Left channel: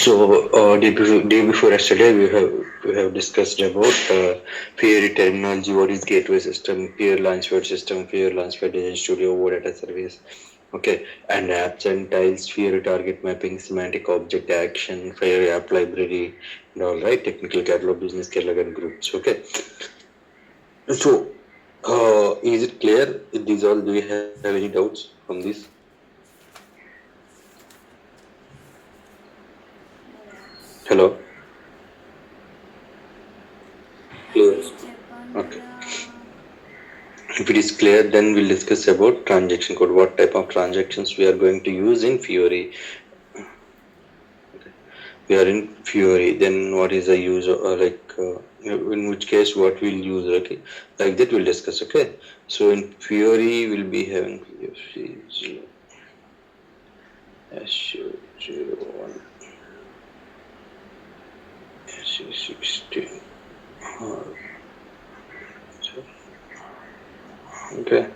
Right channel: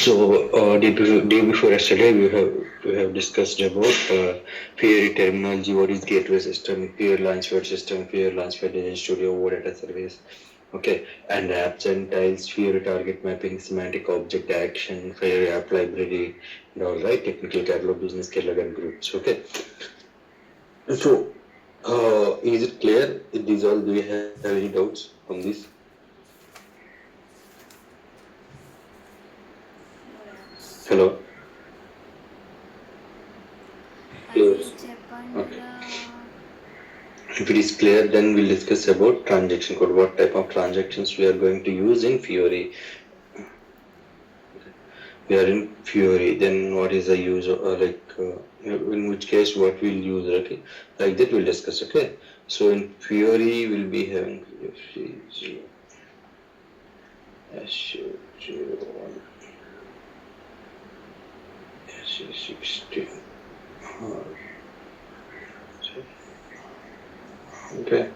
So, day before yesterday, we have discussed about Fiori terminology, what is gateway system, peer launchpad system, peer launchpad design studio, what data service, okay, and apps and tiles, Fiori target mapping, semantic object action, Fiori app library, and all right, technical catalog, business catalog, and groups. Okay, so is it clear? These all. Do you have any doubts on this? Hello. Clear. Okay. If it is clear, then we'll discuss about transaction code. What type of transactions we are going to use in Fiori. Okay. We are in Fiori. Then what is the use in which case what we'll use? Okay, like that we'll discuss. Okay. So in Fiori we'll be having SU01, SU16. Okay,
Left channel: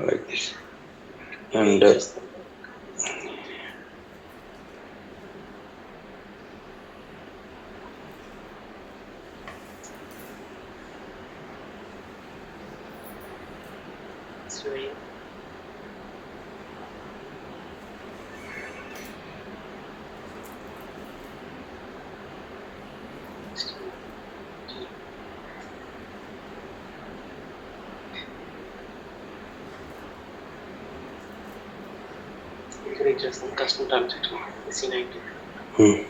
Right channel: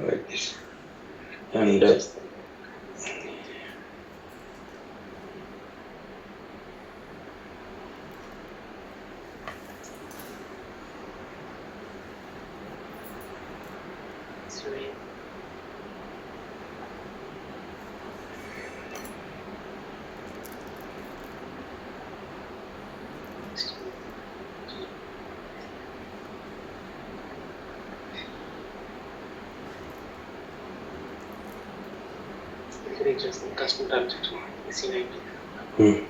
like this, and just custom transaction C90.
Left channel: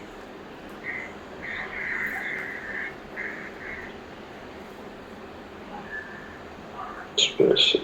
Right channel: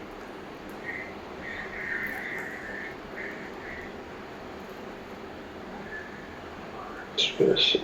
Special.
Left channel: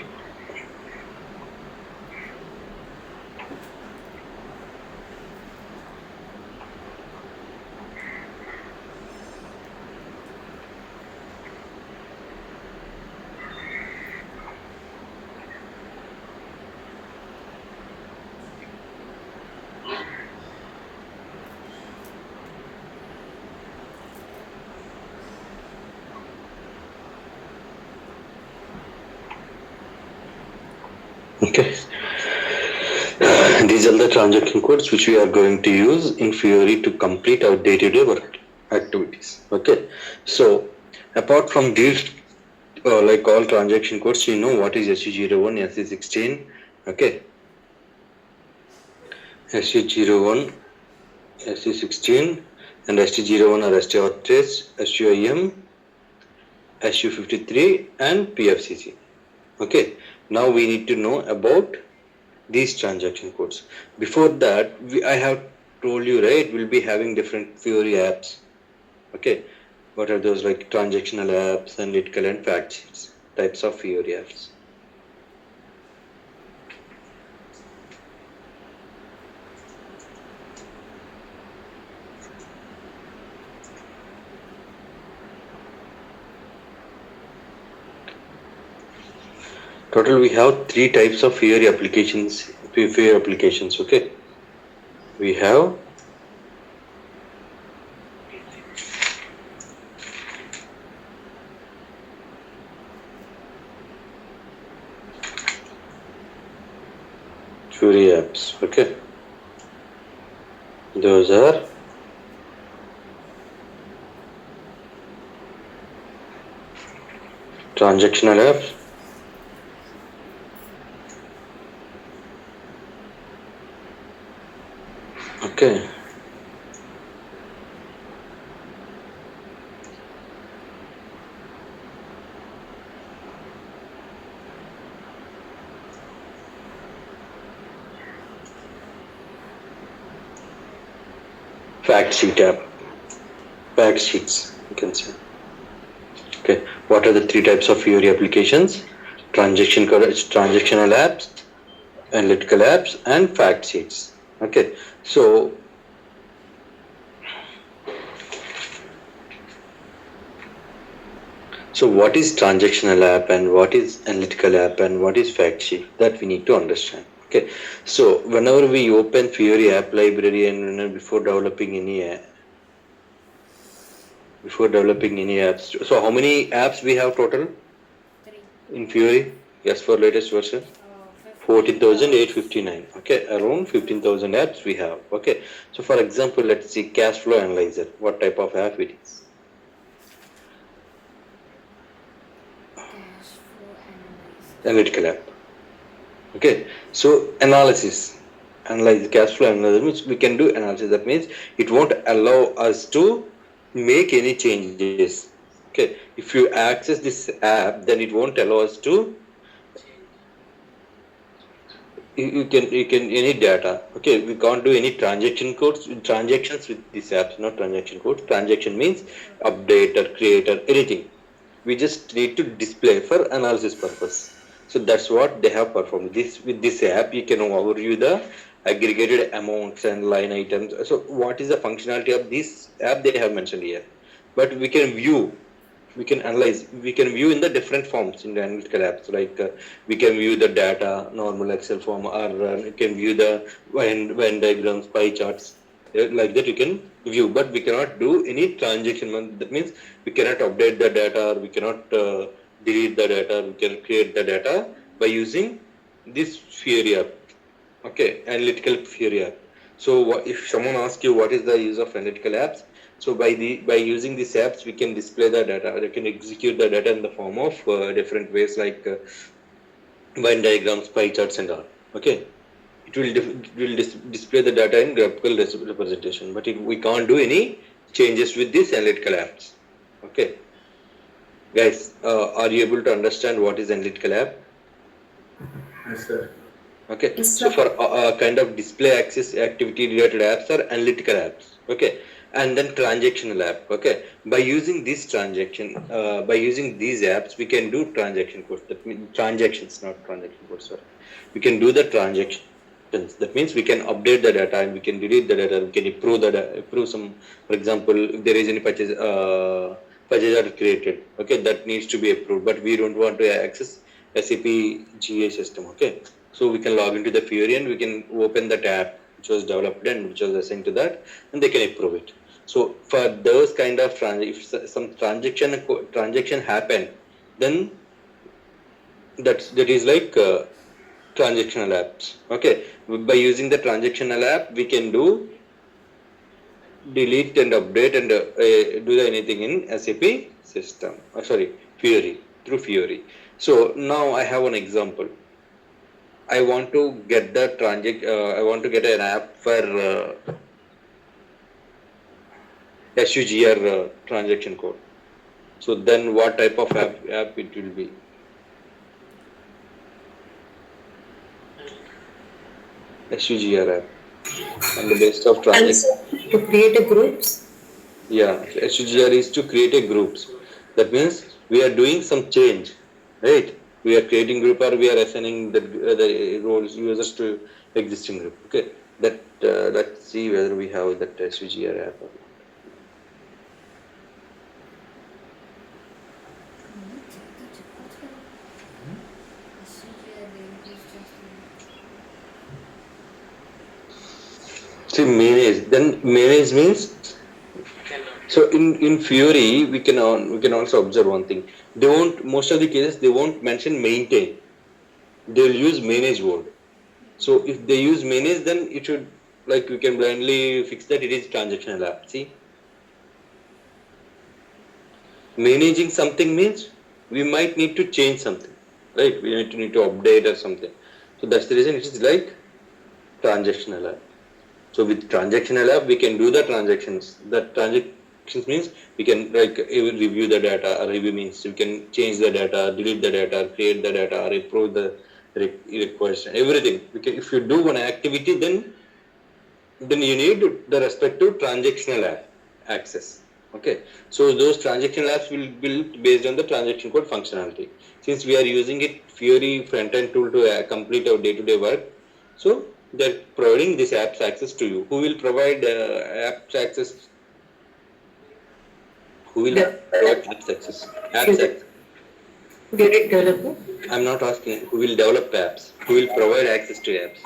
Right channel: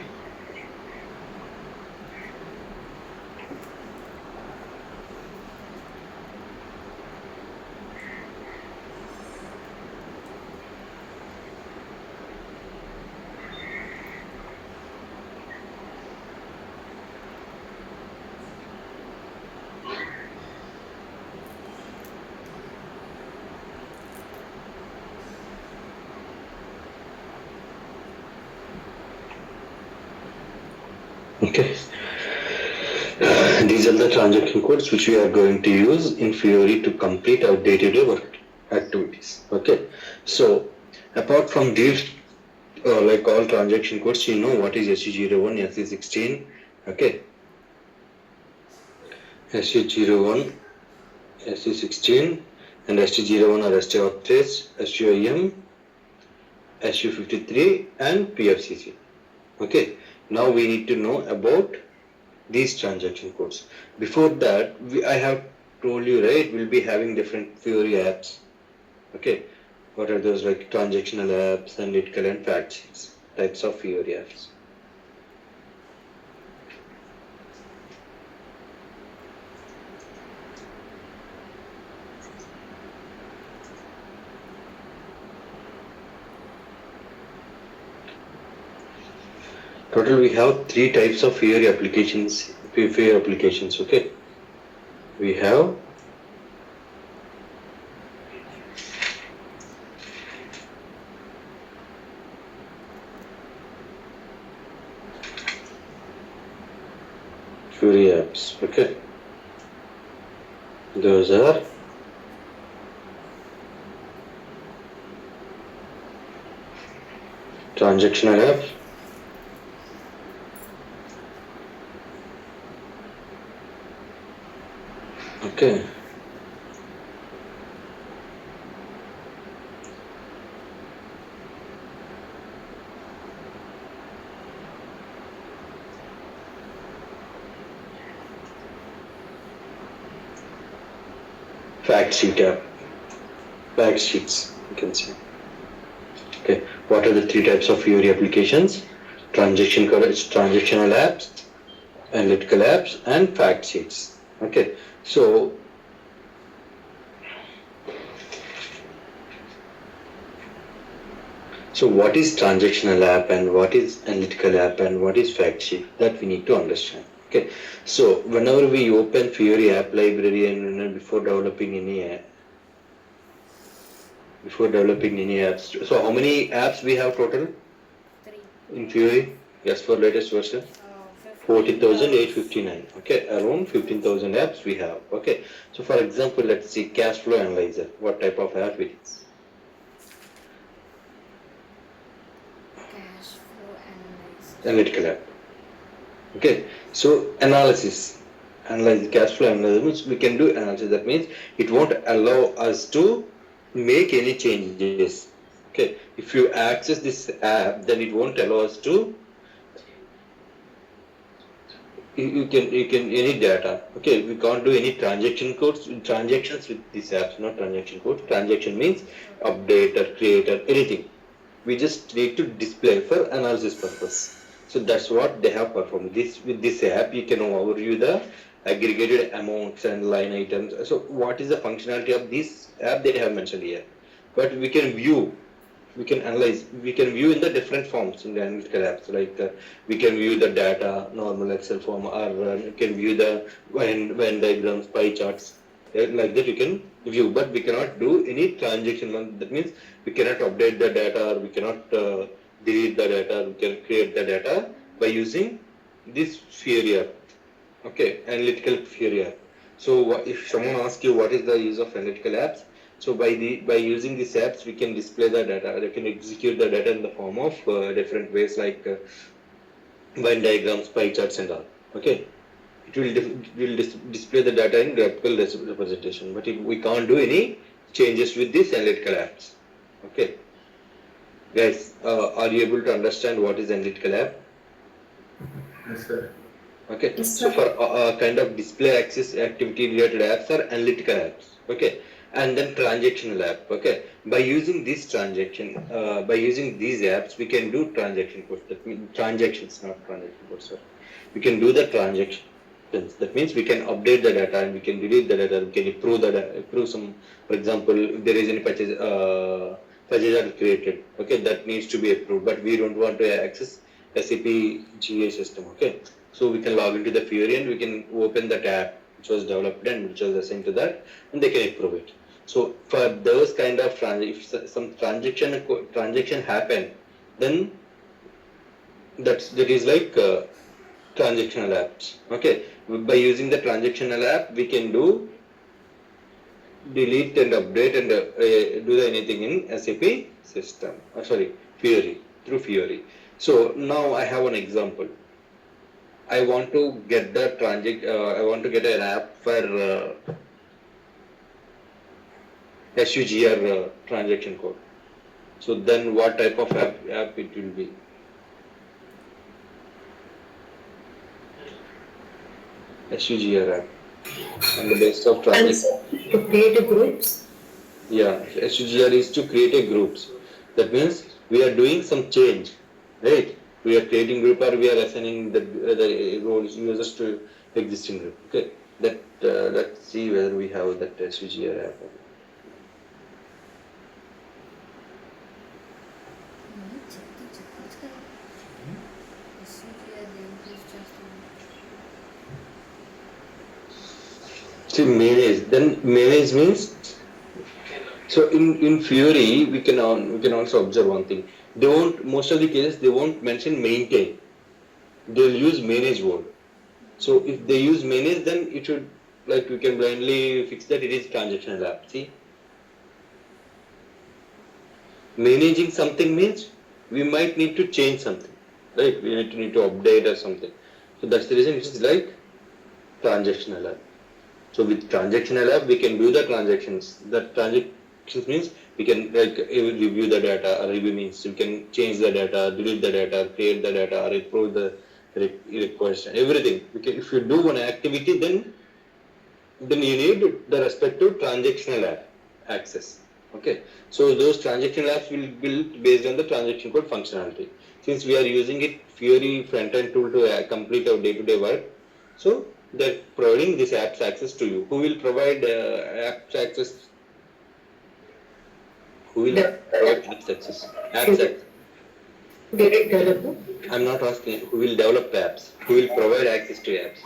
Okay. These are the transaction codes which we are going to use in Fiori to complete our day-to-day work activities. Okay. So apart from these, like all transaction codes, you know what is SU01, SU16. Okay. SU01, SU16, and ST01 or ST authorized, SUIM, SU53, and PFCC. Okay. Now we need to know about these transaction codes. Before that, I have told you, right, we'll be having different Fiori apps. Okay, what are those? Like transactional apps, analytical and fact sheets, types of Fiori apps. Total, we have three types of Fiori applications. Okay, we have Fiori apps. Okay, those are transactional apps, okay, fact sheets, you can say. Okay, what are the three types of Fiori applications? Transactional apps, analytical apps, and fact sheets. Okay, so what is transactional app and what is analytical app and what is fact sheet? That we need to understand. Okay, so whenever we open Fiori app library and before developing any apps, so how many apps we have total? 3. In Fiori? Yes, for latest version. 14,859. Okay, around 15,000 apps we have. Okay, so for example, let's see cash flow analyzer. What type of app it is? Cash flow analyzed. Analytical app. Okay, so analysis. Analyze cash flow analysis means we can do analysis. That means it won't allow us to make any changes. Okay, if you access this app, then it won't allow us to you can any data. Okay, we can't do any transactions with these apps. Not transaction codes. Transaction means update or create or anything. We just need to display for analysis purpose. So that's what they have performed. This with this app you can overview the aggregated amounts and line items. So what is the functionality of this app they have mentioned here? But we can analyze, we can view in the different forms in the analytical apps, like we can view the data normal Excel form, or we can view the Venn diagrams, pie charts, like that you can view, but we cannot do any transaction. That means we cannot update the data, or we cannot delete the data. We can create the data by using this Fury app. Okay, analytical Fury app. So if someone asks you what is the use of analytical apps, so by using these apps we can display the data, we can execute the data in the form of different ways, like Venn diagrams, pie charts and all. Okay, it will display the data in graphical representation, but we can't do any changes with these analytical apps. Okay, guys, are you able to understand what is analytical app? Yes, sir. Okay, Yes, so sir. for kind of display access activity related apps are analytical apps. Okay, and then transactional app. Okay, by using this by using these apps we can do transaction codes. That means transactions, not transaction codes, sir. We can do the transactions. That means we can update the data and we can delete the data. We can improve the data, improve some. For example, if there is any purchase are created. Okay, that needs to be approved, but we don't want to access SAP GA system. Okay, so we can log into the Fury and we can open the tab which was developed and which was assigned to that, and they can approve it. So for those kind of if some transaction happen, then that is like transactional apps. Okay, by using the transactional app we can do delete and update and do anything in SAP system. Sorry, Fury, through Fury. So now I have an example. I want to get the I want to get an app for SUGR transaction code. So then what type of app it will be? SUGR app on the basis of transaction. To create a groups. Yeah, SUGR is to create a groups. That means we are doing some change, right? We are creating group, or we are assigning the roles users to existing group. Okay, that let's see whether we have that SUGR app. See, manage. Then manage means, so in Fury we can also observe one thing. They won't, most of the cases they won't mention maintain. They'll use manage word. So if they use manage, then it should, like, we can blindly fix that it is transactional app. See, managing something means we might need to change something, right? We need to update or something. So that's the reason it is like transactional app. So with transactional app we can do the transactions. That transactions means we can, like, review the data, or review means we can change the data, delete the data, create the data, or approve the request, everything. We can, if you do one activity, then you need the respective transactional app access. Okay, so those transactional apps will be built based on the transaction code functionality. Since we are using it Fury front-end tool to complete our day-to-day work, so they're providing this apps access to you. Who will provide apps access? Who will provide apps access? Apps access. Fury developer. I'm not asking who will develop apps. Who will provide access to apps?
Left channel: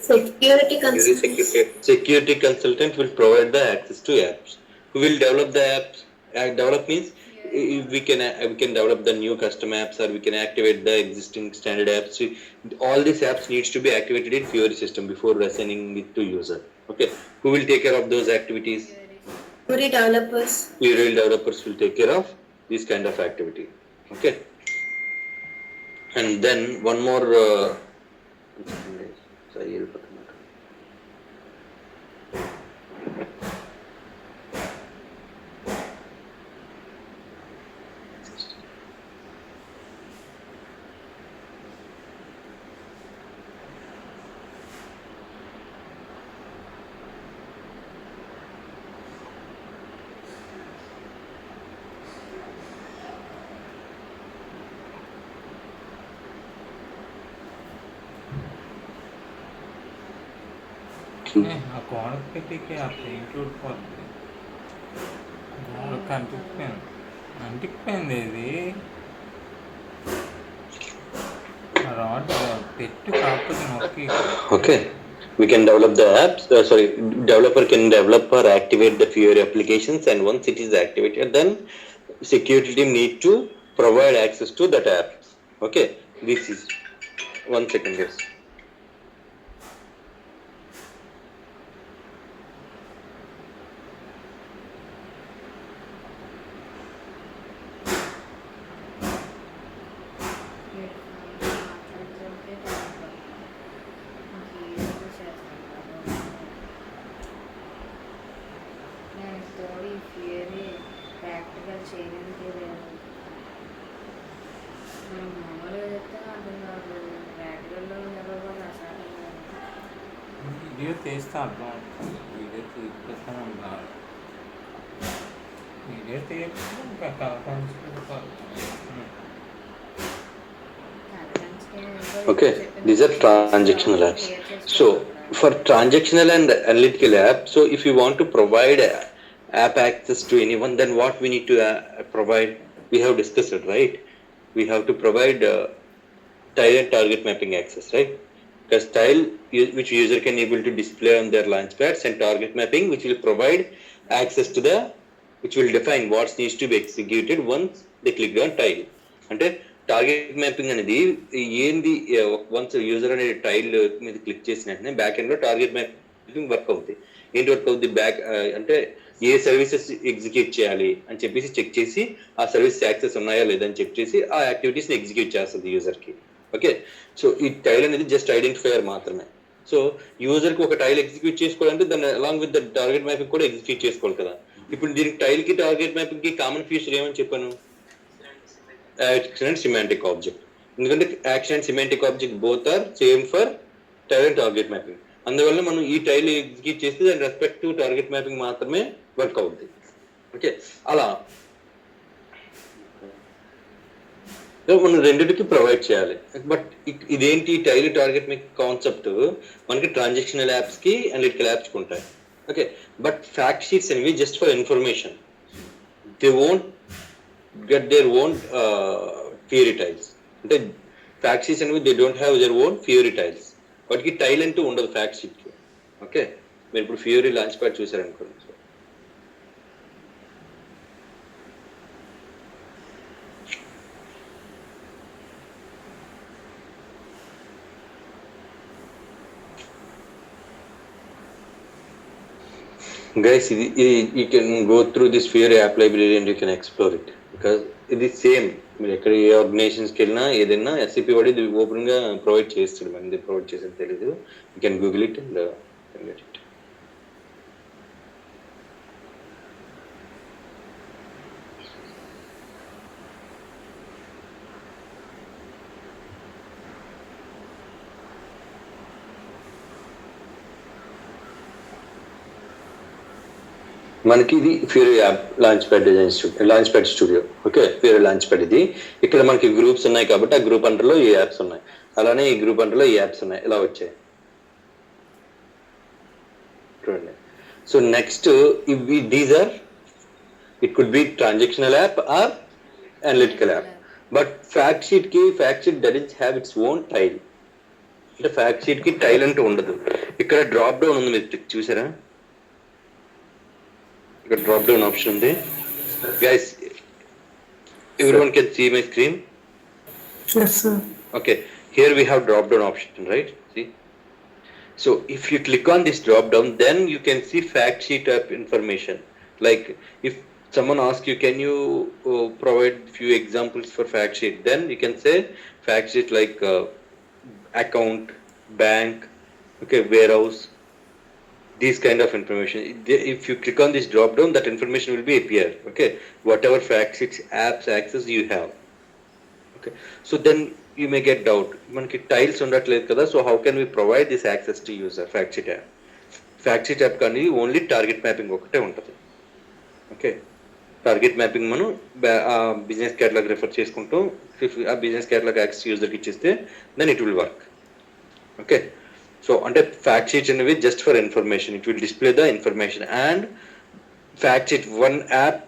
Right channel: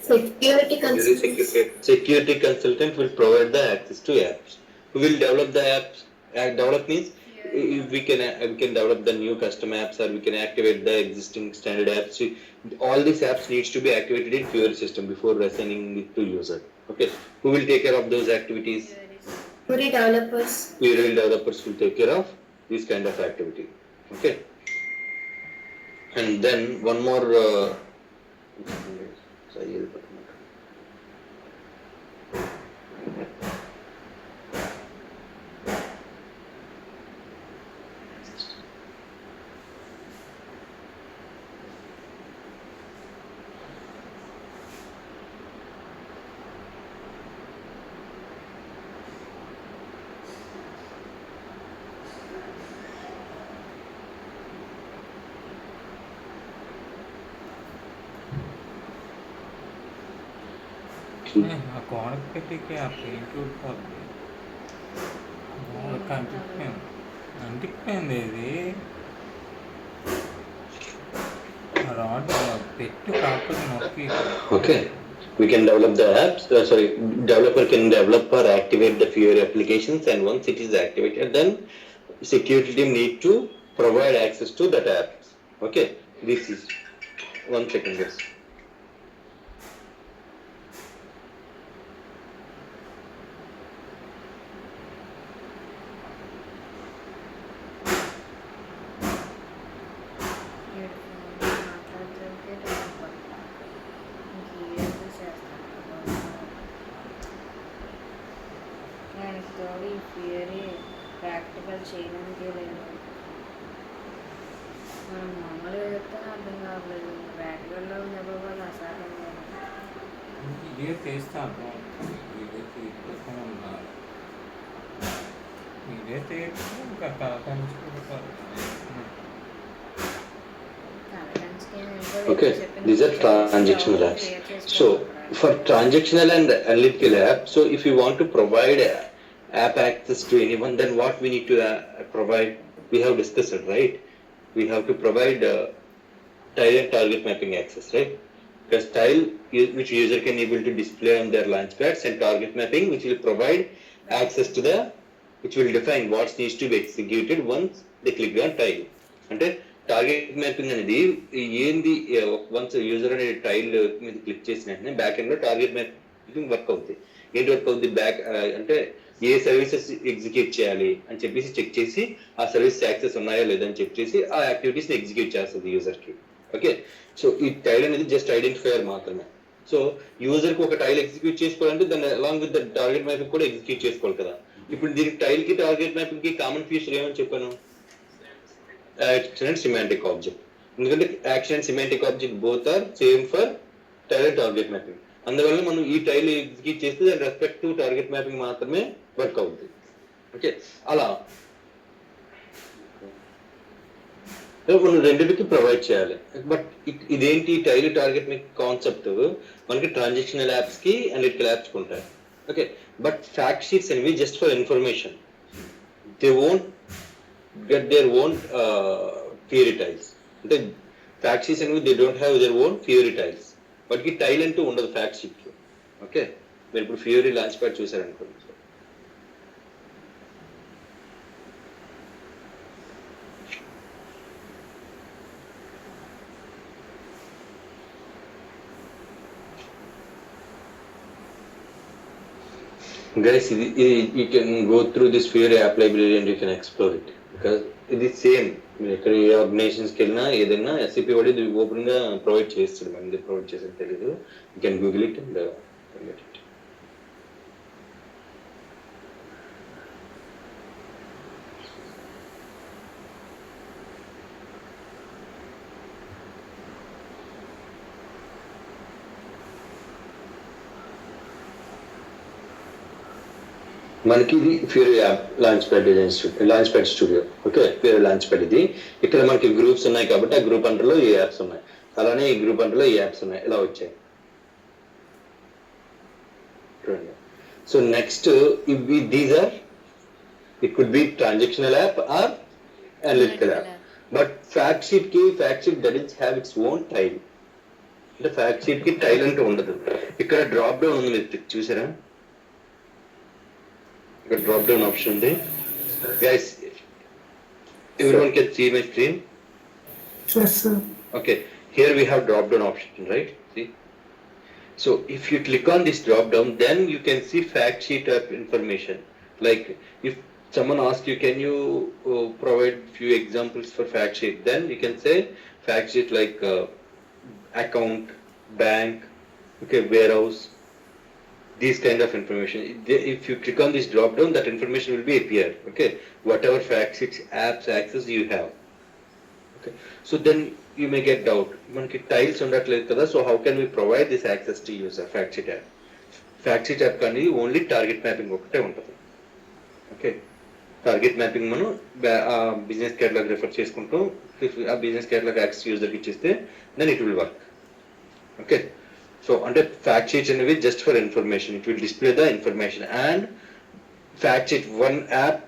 Security consultant. Security consultant will provide the access to apps. Who will develop the apps? Develop means we can develop the new custom apps, or we can activate the existing standard apps. All these apps needs to be activated in Fiori system before assigning it to user. Okay, who will take care of those activities? Fiori developers. Fiori developers will take care of this kind of activity. Okay, and then one more క్వాంటిటీకి అట్లా include కాదు. అంటిపోయింది ఇది rod పెట్టు కాకపోతే నొక్కి. Okay, we can develop the apps. Developer can develop or activate the Fiori applications, and once it is activated, then security team need to provide access to that app. Okay, this is 1 second, yes. Practical చేయడానికి లేదు. మనం మామూలుగా చెప్తే అర్థం కావట్లేదు, ప్రాక్టికల్లో జరగాలి అసాధ్యంగా. Video తీస్తాను, video తీసుకొస్తాను. వీడియో తీయకుండా ఇంకా కలకాంచుకుంటారు. Okay, these are transactional apps. So for transactional and analytical apps, so if you want to provide app access to anyone, then what we need to provide, we have discussed it, right? We have to provide tile and target mapping access, right? Because tile which user can able to display on their launchpads, and target mapping which will provide access to the, which will define what needs to be executed once they click on tile. అంటే target mapping అనేది ఏంది, once user అనేది tile మీద click చేసిన వెంటనే back end లో target mapping work అవుతుంది. ఏంటి వర్క్ అవుతుంది? బ్యాక్ అంటే ఏ సర్వీసెస్ ఎగ్జిక్యూట్ చేయాలి అని చెప్పేసి చెక్ చేసి, ఆ సర్వీస్ యాక్సెస్ ఉన్నాయా లేదని చెక్ చేసి ఆ యాక్టివిటీస్ ని ఎగ్జిక్యూట్ చేస్తుంది యూజర్ కి. ఓకే, సో ఈ టైల్ అనేది జస్ట్ ఐడెంటిఫైయర్ మాత్రమే. సో యూజర్ కి ఒక టైల్ ఎగ్జిక్యూట్ చేసుకోవాలంటే దాన్ని along with the target mapping కూడా ఎగ్జిక్యూట్ చేసుకోవాలి కదా. ఇప్పుడు దీనికి టైల్ కి టార్గెట్ మ్యాపింగ్ కి కామన్ ఫీచర్ ఏమని చెప్పాను? Action and semantic object. ఎందుకంటే action and semantic object both are same for tile and target mapping. అందువల్ల మనం ఈ టైల్ ఎగ్జిక్యూట్ చేస్తే దాని రెస్పెక్ట్ టు టార్గెట్ మ్యాపింగ్ మాత్రమే వర్క్ అవుతుంది. ఓకే, అలా మనం రెండింటికి ప్రొవైడ్ చేయాలి. బట్ ఇదేంటి టైల్ టార్గెట్ మ్యాపింగ్ కాన్సెప్ట్ మనకి ట్రాన్సాక్షనల్ యాప్స్ కి అనలిటికల్ యాప్స్ ఉంటాయి. ఓకే, బట్ ఫ్యాక్ట్ షీట్స్ అనేవి just for information. They won't get their own Fiori tiles. అంటే ఫ్యాక్ట్ షీట్స్ అనేవి they don't have their own Fiori tiles. వాటికి tile అంటూ ఉండదు fact sheet లో. ఓకే, మీరు ఇప్పుడు Fiori లాంచ్ ప్యాడ్ చూసారనుకోండి, guys, you can go through this Fiori app library and you can explore it, because ఇది same. మీరు ఎక్కడ ఏ ఆర్గనైజేషన్స్కి వెళ్ళినా ఏదైనా SAP వాడి ఇది ఓపెన్ గా ప్రొవైడ్ చేస్తాడు. మనది ప్రొవైడ్ చేసేది తెలీదు. You can Google it and get it. మనకి ఇది Fiori app launch pad studio. Okay, Fiori launch pad ఇది. ఇక్కడ మనకి గ్రూప్స్ ఉన్నాయి కాబట్టి ఆ గ్రూప్ అండర్లో ఈ యాప్స్ ఉన్నాయి, అలానే ఈ గ్రూప్ అండర్లో ఈ యాప్స్ ఉన్నాయి. ఇలా వచ్చాయి చూడండి. So next these are, it could be transactional app or analytical app. But fact sheet doesn't have its own tile. అంటే ఫ్యాక్ట్ షీట్ కి టైల్ అంటూ ఉండదు. ఇక్కడ డ్రాప్ డౌన్ ఉంది, మీరు చూసారా? ఇక్కడ డ్రాప్ డౌన్ ఆప్షన్ ఉంది guys. Everyone can see my screen? Yes, sir. Okay, here we have drop down option, right? See? So if you click on this drop down, then you can see fact sheet type information. Like if someone asks you, can you provide few examples for fact sheet? Then you can say fact sheet like account, bank, okay, warehouse, these kind of information. If you click on this drop down, that information will be appear. Okay, whatever fact sheets apps access you have. Okay, so then you may get doubt, మనకి tiles ఉండట్లేదు కదా, so how can we provide this access to user fact sheet app. Fact sheet app కానీ only target mapping ఒకటే ఉంటుంది. Okay, target mapping మనం business catalogue refer చేసుకుంటాం, ఆ business catalogue access యూజర్కి ఇచ్చేస్తే then it will work. Okay, so అంటే fact sheets అనేవి just for information, it will display the information. And fact sheet one app,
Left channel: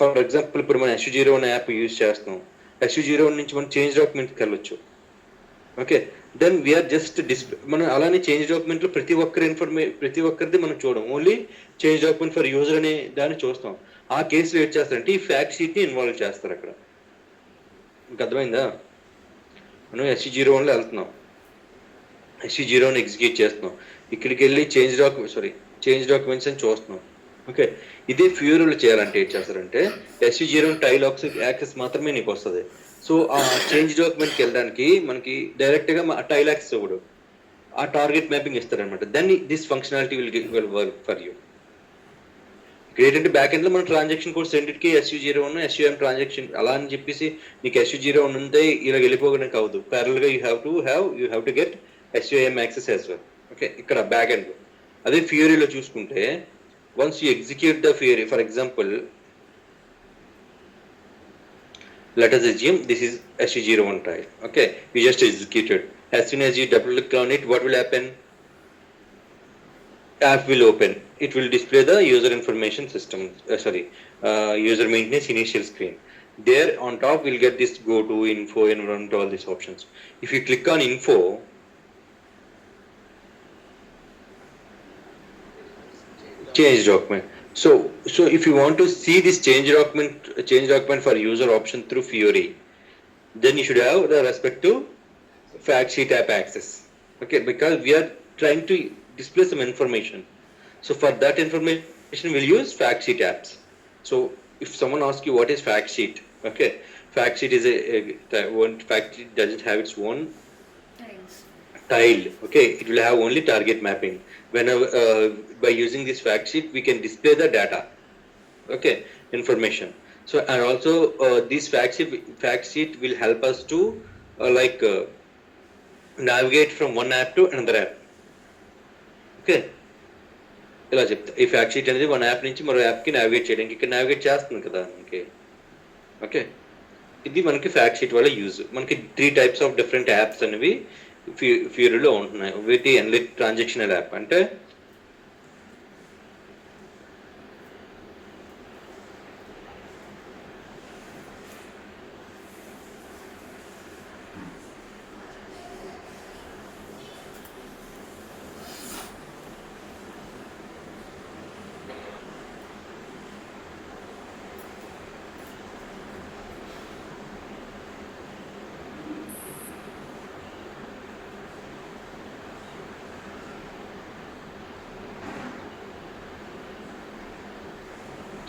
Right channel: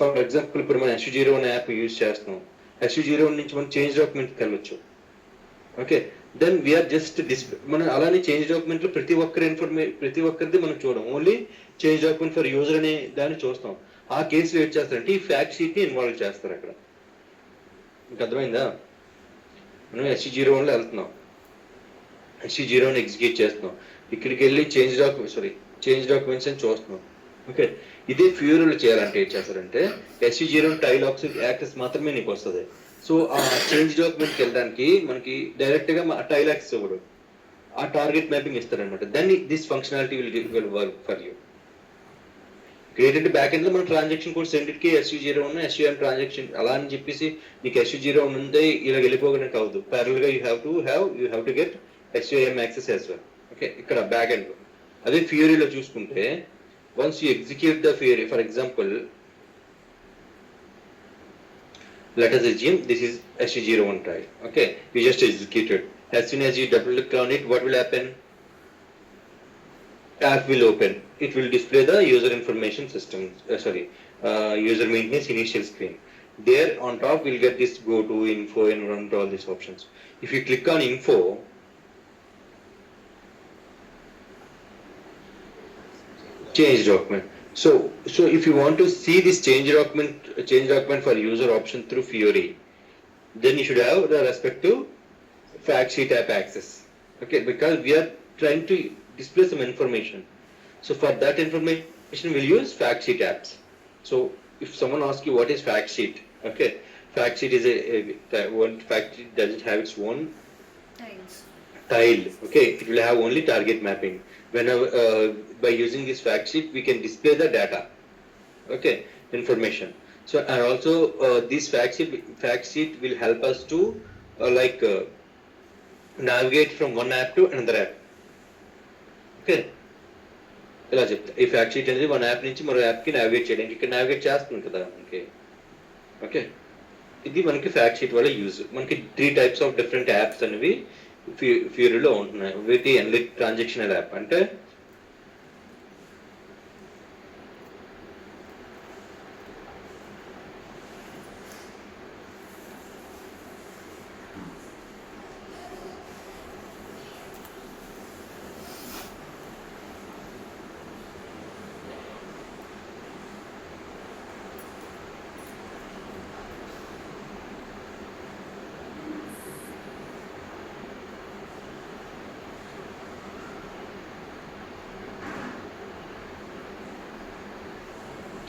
for example ఇప్పుడు మనం SU01 app use చేస్తున్నాం, SU01 నుంచి మనం చేంజ్ డాక్యుమెంట్కి వెళ్ళొచ్చు. ఓకే, దెన్ వీఆర్ జస్ట్ మనం అలానే చేంజ్ డాక్యుమెంట్లో ప్రతి ఒక్కరిది మనం చూడం, only change document for user అనే దాన్ని చూస్తాం. ఆ కేసులో ఏం చేస్తారంటే ఈ ఫ్యాక్ట్ షీట్ని ఇన్వాల్వ్ చేస్తారు అక్కడ. మీకు అర్థమైందా? మనం SU01లో వెళ్తున్నాం, SU01 ఎగ్జిక్యూట్ చేస్తున్నాం, ఇక్కడికి వెళ్ళి చేంజ్ డాక్యుమెంట్స్ అని చూస్తున్నాం. ఓకే, ఇదే ఫ్యూరీలో చేయాలంటే ఏం చేస్తారంటే SU01 టైల్ యాక్సెస్ మాత్రమే నీకు వస్తుంది. సో ఆ చేంజ్ డాక్యుమెంట్కి వెళ్ళడానికి మనకి డైరెక్ట్గా టైల్ యాక్సెస్ ఇవ్వడు, ఆ టార్గెట్ మ్యాపింగ్ ఇస్తారనమాట. Then this functionality will work for you. ఏంటంటే బ్యాక్ ఎండ్లో మన ట్రాన్సాక్షన్ కోడ్స్ రెండింటికి SU01 SUM ట్రాన్సాక్షన్ అలా అని చెప్పేసి నీకు SU01 ఉంటే ఇలా వెళ్ళిపోవడానికి అవ్వదు. ప్యారల్గా you have to get SUM access as well. Okay, ఇక్కడ బ్యాక్ ఎండ్లో. అదే ఫ్యూరీలో చూసుకుంటే once you execute the fury, for example, let us assume this is SU01 trial. Okay, you just executed. As soon as you double click on it, what will happen? App will open. It will display the user information system, user maintenance initial screen. There on top we'll get this go to info, environment, all these options. If you click on info, change document. So if you want to see this change document for user option through Fiori, then you should have the respect to fact sheet app access. Okay, because we are trying to display some information. So for that information we'll use fact sheet apps. So if someone asks you what is fact sheet, okay, fact sheet is one fact sheet doesn't have its own tile. Okay, it will have only target mapping. Whenever by using this fact sheet we can display the data, okay, information. So and also this fact sheet will help us to navigate from one app to another app. Okay, ఇలా చెప్తా. ఈ fact sheet అనేది one app నుంచి మరో యాప్కి navigate చేయడానికి ఇక్కడ navigate చేస్తుంది కదా మనకి. ఓకే, ఇది మనకి ఫ్యాక్ట్ షీట్ వల్ల యూజ్. మనకి 3 types ఆఫ్ డిఫరెంట్ యాప్స్ అనేవి ఫ్యూరీలో ఉంటున్నాయి. వీటి ఎన్లిట్ ట్రాన్సాక్షనల్ యాప్ అంటే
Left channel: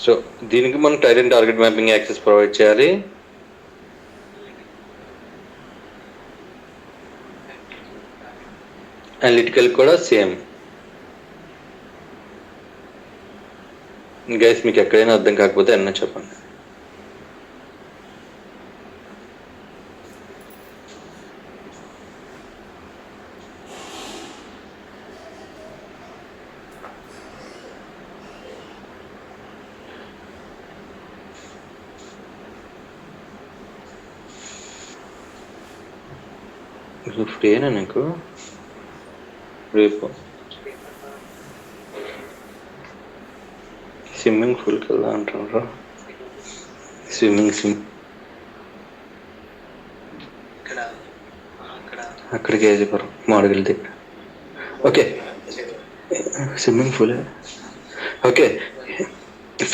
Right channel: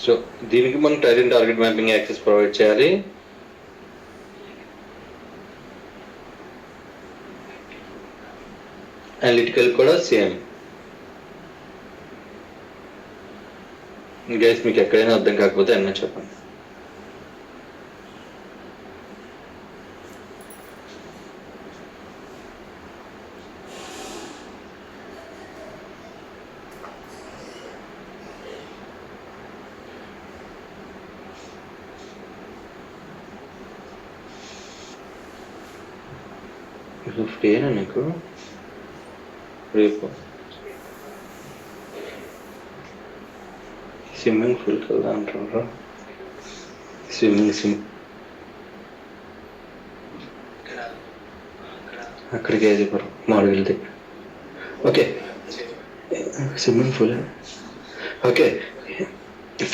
సో దీనికి మనం tile and target mapping access provide చేయాలి. అనలిటికల్ కూడా సేమ్. గైస్ మీకు ఎక్కడైనా అర్థం కాకపోతే అన్న చెప్పండి. ఫ్రీనా నీకు రేపు స్విమ్మింగ్ పూల్కి వెళ్దా అంటారు. అక్కడికి ఏజీపురం మాడగిల్ దగ్గర. Okay, swimming pool. Okay,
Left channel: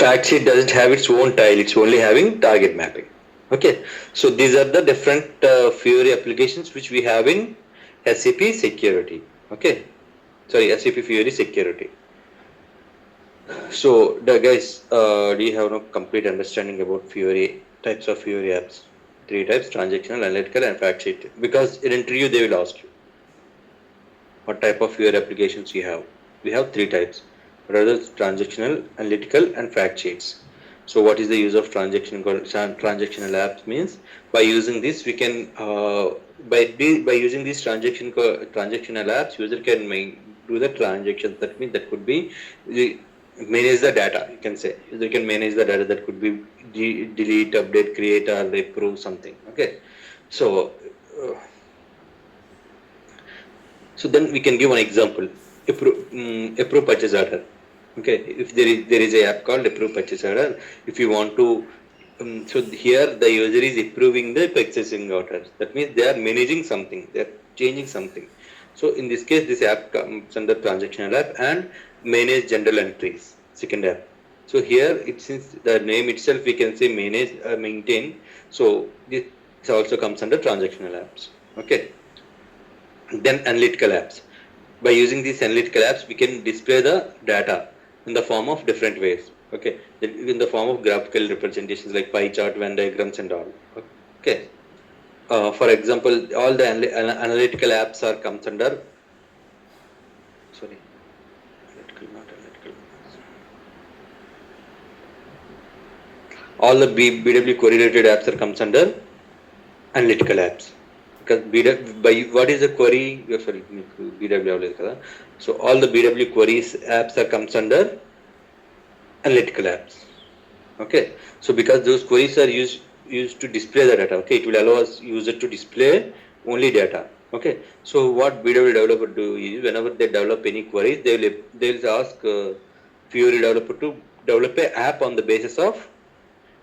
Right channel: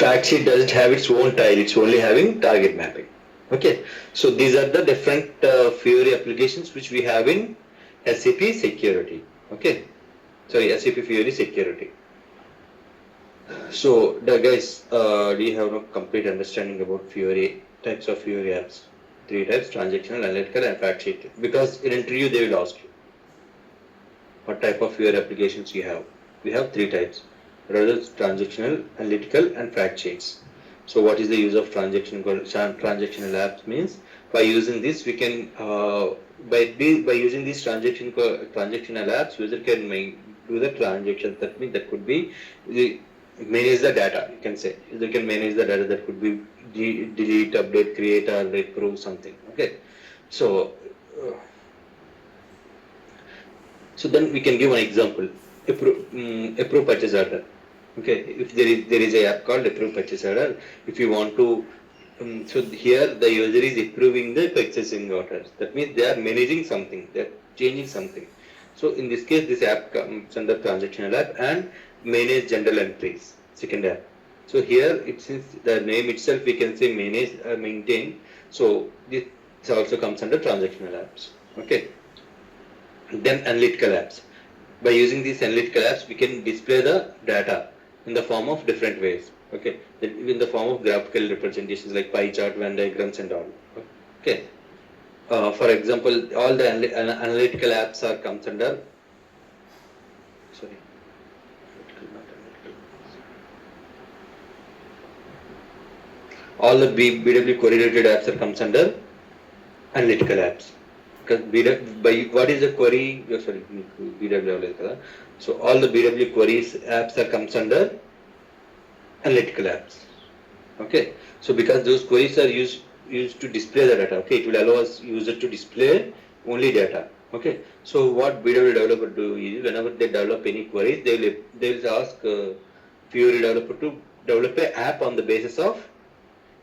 fact sheet doesn't have its own tile, it's only having target mapping. Okay, so these are the different Fiori applications which we have in SAP security. Okay, sorry, SAP Fiori security. So, the guys, do you have no complete understanding about Fiori types of Fiori apps? Three types: transactional, analytical, and fact sheet. Because in interview they will ask you what type of Fiori applications you have. We have three types: rather transactional, analytical, and fact sheets. So, what is the use of transactional apps? Means by using this, we can by using these transactional apps, user can do the transactions. That means that could be manage the data. You can say user can manage the data. That could be delete, update, create, or improve something. Okay, so. So then we can give an example. Approve purchase order. Okay, if there is a app called approve purchase order. If you want to, so here the user is approving the purchasing orders. That means they are managing something. They are changing something. So in this case, this app comes under transactional app and manage general entries. Second app. So here, it since the name itself, we can say manage, maintain. So this also comes under transactional apps. Okay. Then analytical apps. By using these analytical apps, we can display the data in the form of different ways. Okay, in the form of graphical representations like pie chart, Venn diagrams, and all. Okay. For example, all the analytical apps are comes under. Sorry, analytical, not analytical. All the BW query related apps are comes under analytical apps. Because by what is the query? Sorry, BW. So all the BW queries apps are comes under analytical apps. Okay, so because those queries are used to display the data. Okay, it will allow us user to display only data. Okay, so what BW developer do is whenever they develop any queries, they'll ask Fiori developer to develop a app on the basis of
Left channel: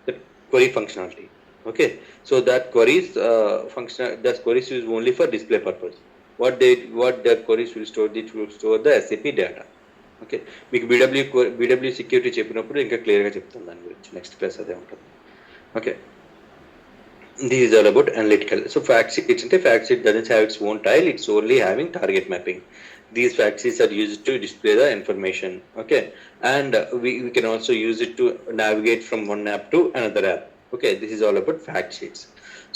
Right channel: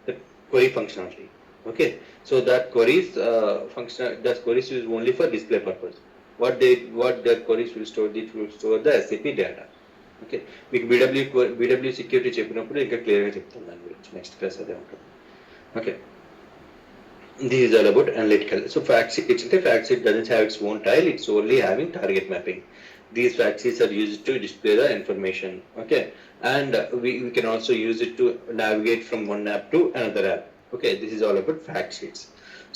the query functionality. Okay, so that queries that queries is only for display purpose. What that queries will store, it will store the SAP data. Okay, మీకు BW security చెప్పినప్పుడు ఇంకా క్లియర్గా చెప్తాను దాని గురించి. Next class అదే ఉంటుంది. Okay, this is all about analytical. So fact sheet doesn't have its own tile. It's only having target mapping. These fact sheets are used to display the information. Okay, and we can also use it to navigate from one app to another app. Okay, this is all about fact sheets.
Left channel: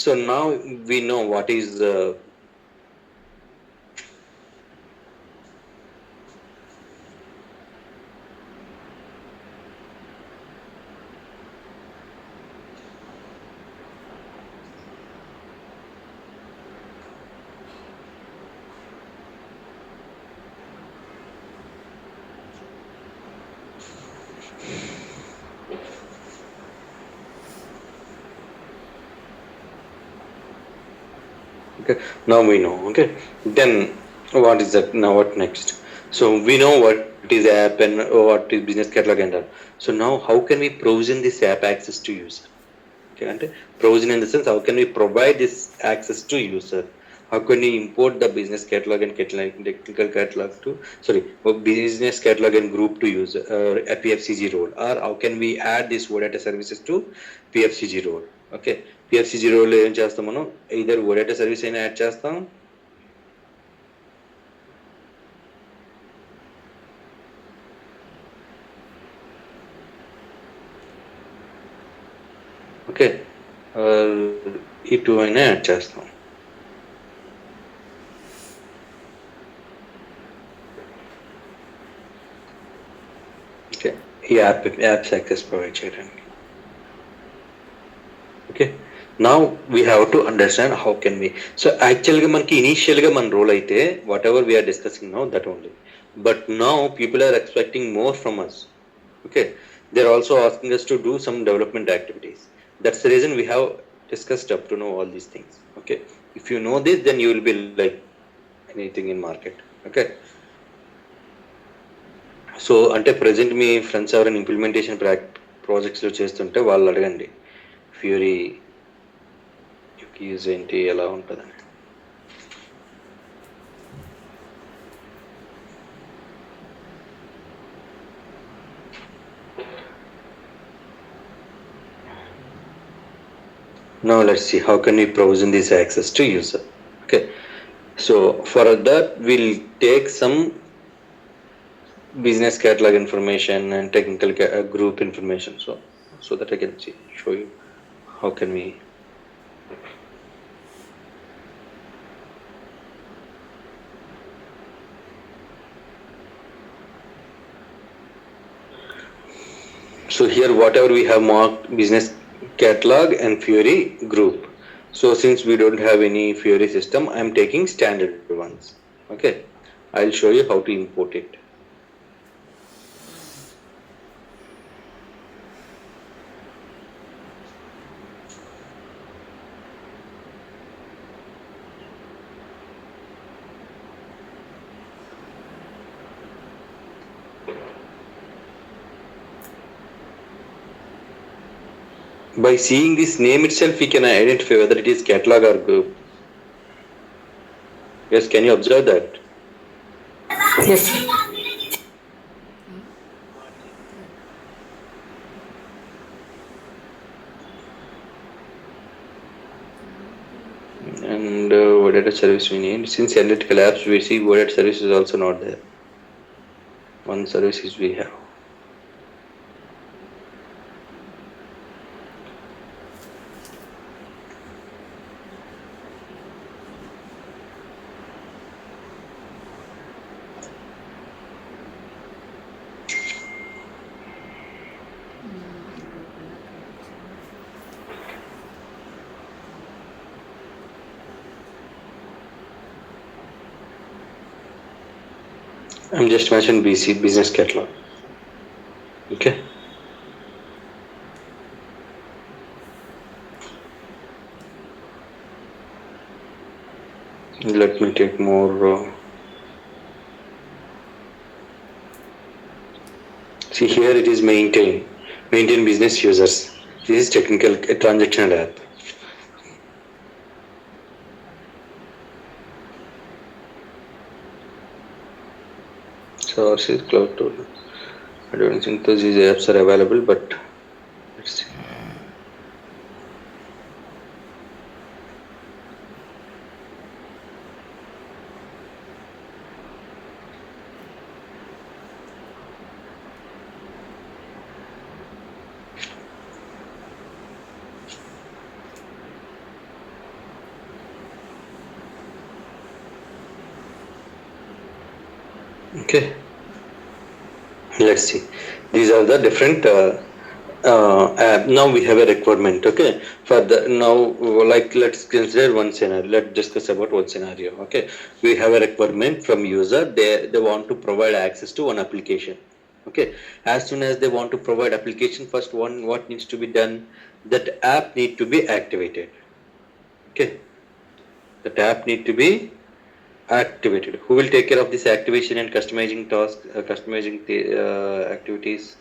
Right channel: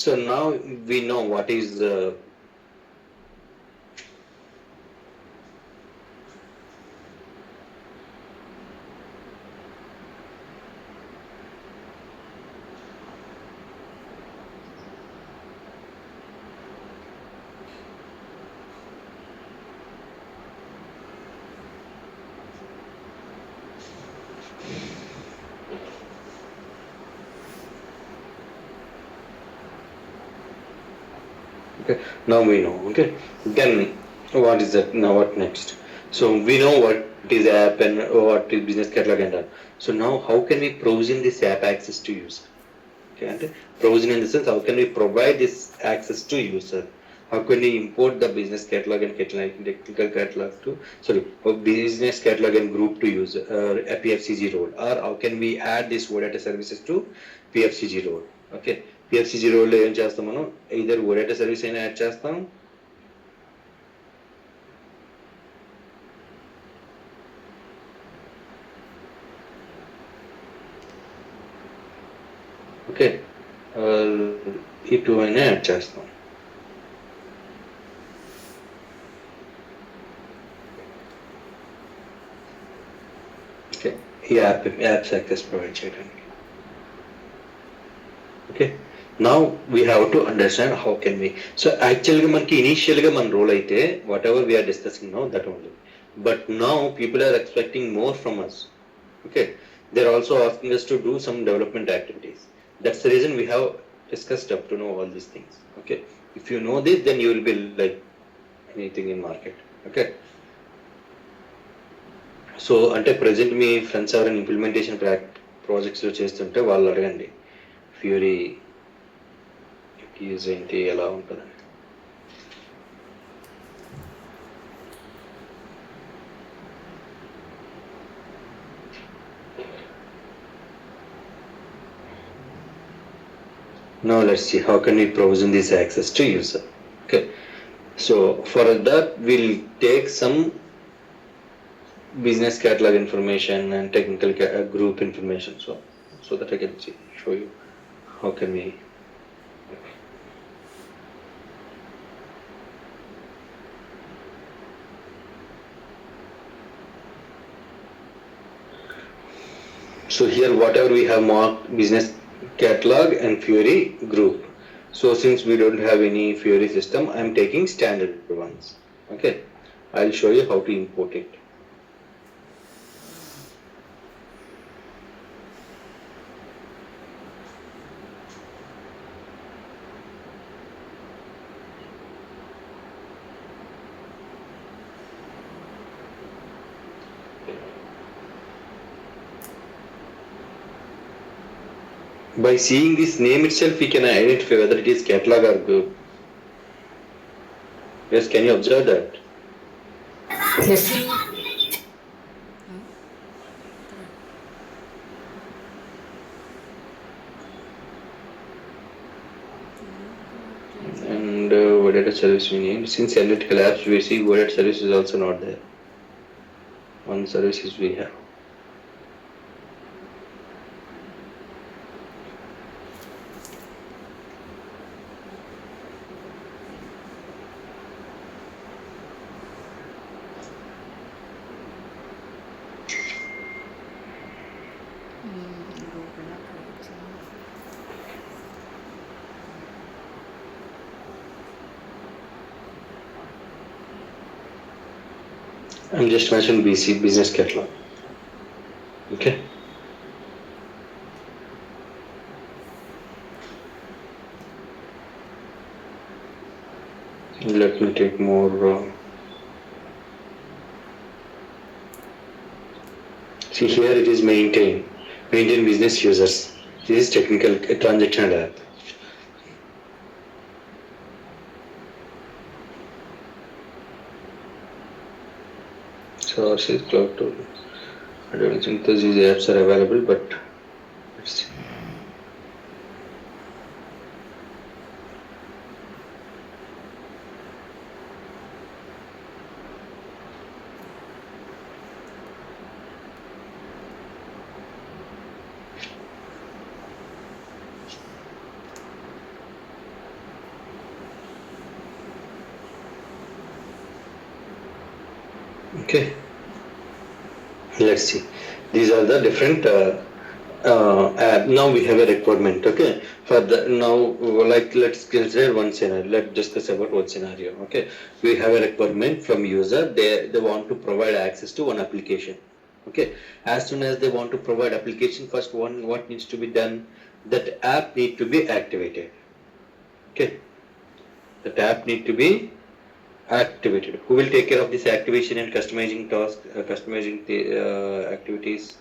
So now we know what is okay, now we know. Okay, then what is that? Now what next? So we know what is app and what is business catalog and all. So now how can we provision this app access to user? Okay, and provision in the sense, how can we provide this access to user? How can we import the business catalog and technical catalog to, sorry, business catalog and group to user a PFCG role, or how can we add this OData services to PFCG role? Okay, PFCG role ఏం చేస్తాం మనం, either OData service అయినా add చేస్తాం, okay, ఈ two అయినా add చేస్తాం. Okay, ఈ apps access provide చేయడానికి. Okay, now we have to understand how can we. So యాక్చువల్గా మనకి ఇనీషియల్గా మన రోల్ అయితే whatever we are discussing now that only, but now people are expecting more from us. Okay, they're also asking us to do some development activities. That's the reason we have discussed up to know all these things. Okay, if you know this, then you will be like anything in market. Okay, so ante present me friends ఎవరైనా implementation ప్రాజెక్ట్స్లో చేస్తుంటే వాళ్ళు అడగండి fury use ఏంటి, ఎలా ఉంటుందని. Now let's see how can we provision this access to user. Okay, so for that we'll take some business catalog information and technical group information, so that I can show you how can we. So here whatever we have marked business catalog and Fiori group. So since we don't have any Fiori system, I'm taking standard ones. Okay, I'll show you how to import it. By seeing this name itself, we can identify whether it is catalog or group. Yes, can you observe that? Yes, sir. And what data service we need? Since analytical apps, we see what data service is also not there. One service is we have. I'm just mentioning BC, business catalog. Okay. Let me take more. See here it is maintain business users. This is technical transactional app. Source is cloud tool. I don't think those apps are available, but let's see. Okay, let's see. These are the different app. Now we have a requirement. Okay, for the now, like let's consider one scenario. Let's discuss about one scenario. Okay, we have a requirement from user. They want to provide access to one application. Okay, as soon as they want to provide application, first one what needs to be done? That app need to be activated. Okay, that app need to be activated. Who will take care of this activation and customizing task, customizing the activities?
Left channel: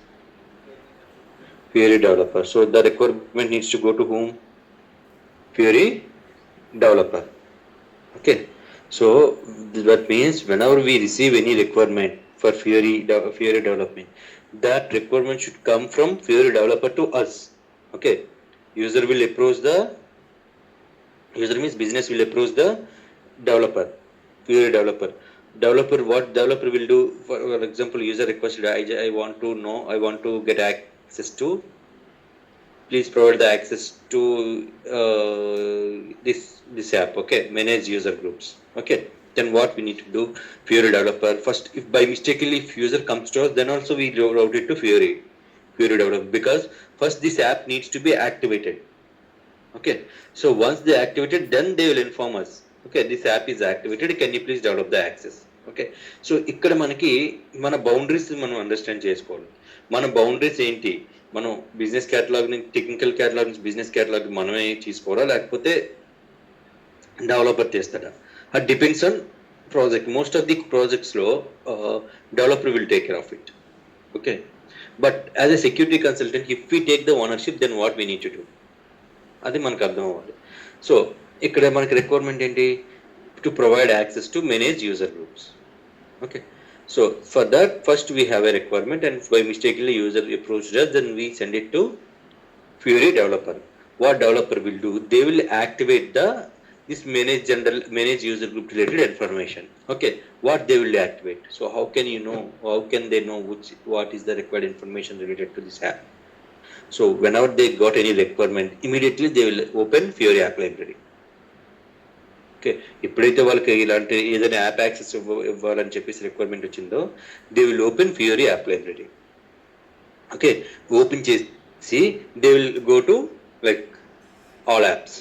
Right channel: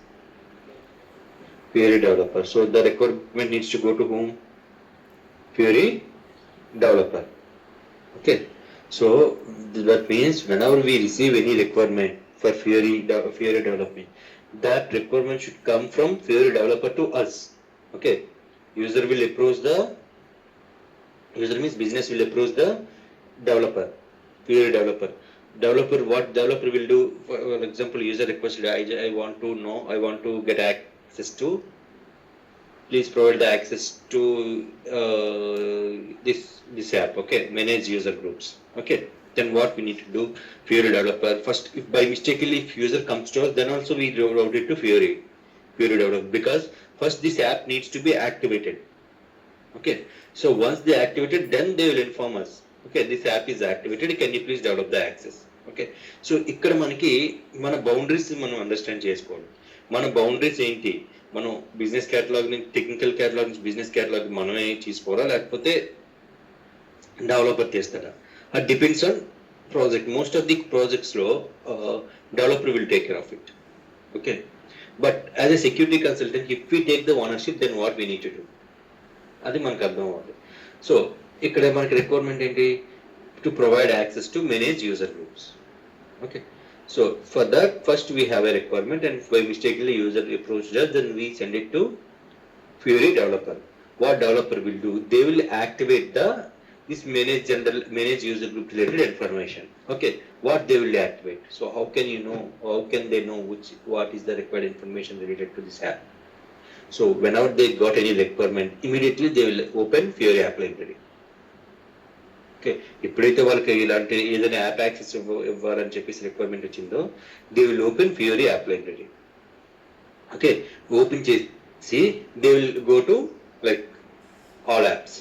Fiori developer. So the requirement needs to go to whom? Fiori developer. Okay. So that means whenever we receive any requirement for Fiori development, that requirement should come from Fiori developer to us. Okay. User means business will approach the developer. Fiori developer. What developer will do? For example, user requested, I want to know, I want to get access to. Please provide the access to this app. Okay, manage user groups. Okay, then what we need to do? Fiori developer first. If by mistakenly if user comes to us, then also we route it to Fiori developer, because first this app needs to be activated. Okay, so once they activated, then they will inform us. Okay, this app is activated. Can you please develop the access? Okay, so ఇక్కడ మనకి మన boundaries మనం understand చేసుకోవాలి. మన boundaries ఏంటి? మనం business catalog నుంచి technical catalog నుంచి బిజినెస్ కేటలాగ్ మనమే తీసుకోవాలా, లేకపోతే డెవలపర్ చేస్తాడా? అది depends on project. Most of the projects లో developer will take care of it. Okay, but as a security consultant if we take the ownership, then what we need to do? అది మనకు అర్థం అవ్వాలి. So ఇక్కడ మనకి requirement ఏంటి? To provide access to manage user groups. Okay, so for that first we have a requirement, and by మిస్టేక్లీ user approached us, then we send it to Fiori developer. what developer will do, they will activate this manage user group related information. Okay, what they will activate. So how can you know? How can they know what is the required information related to this app? So whenever they got any requirement, immediately they will open Fiori app library. Okay, ఎప్పుడైతే వాళ్ళకి ఇలాంటి ఏదైనా app access ఇవ్వాలని చెప్పేసి requirement వచ్చిందో, they will open Fiori app library. Okay, open చేసి they will go to like all apps.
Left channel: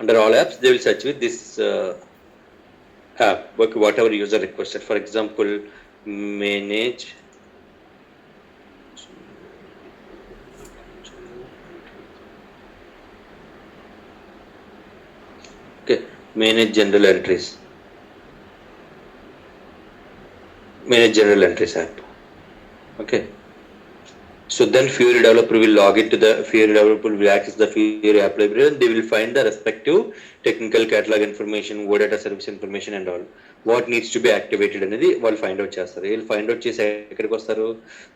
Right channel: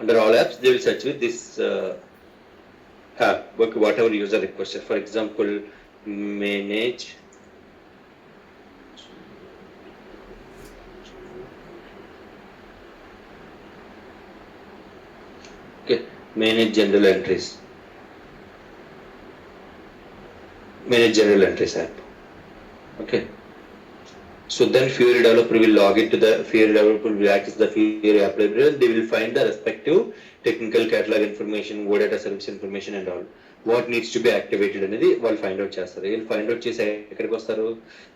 Under all apps, they will search with this app, whatever user requested. For example, manage manage general entries. Manage general entries app. Okay. So then Fiori developer will log into the Fiori developer will access the Fiori app library and they will find the respective technical catalog information, data service information and all. What needs to be activated అనేది వాళ్ళు find out చేస్తారు. వీళ్ళు find out చేసి ఎక్కడికి వస్తారు?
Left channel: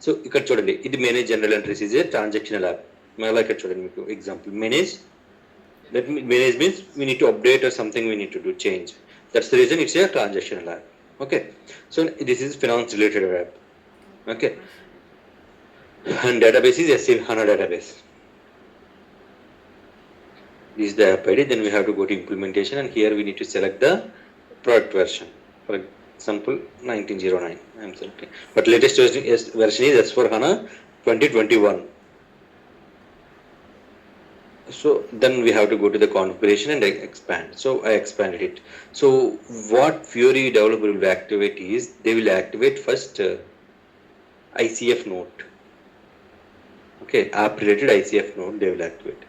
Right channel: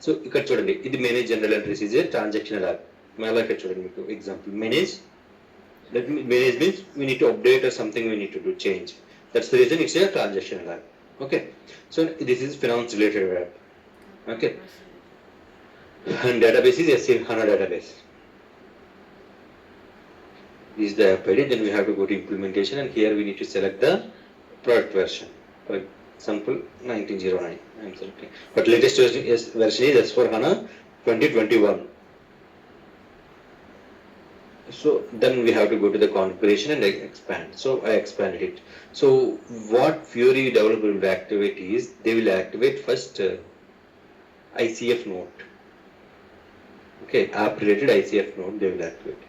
So ఇక్కడ చూడండి, ఇది manage general entries is a transactional app. మళ్ళీ ఇక్కడ చూడండి, మీకు example manage. That manage means we need to update or something we need to do change. That's the reason it's a transactional app. Okay, so this is finance related app. Okay, and database is SAP HANA database. This is the app ID. Then we have to go to implementation, and here we need to select the product version. For example, 1909. I'm selecting, but latest version is S4 HANA 2021. So then we have to go to the configuration and expand. So I expanded it. So what Fiori developer will activate is, they will activate first ICF node. Okay, app related ICF node they will activate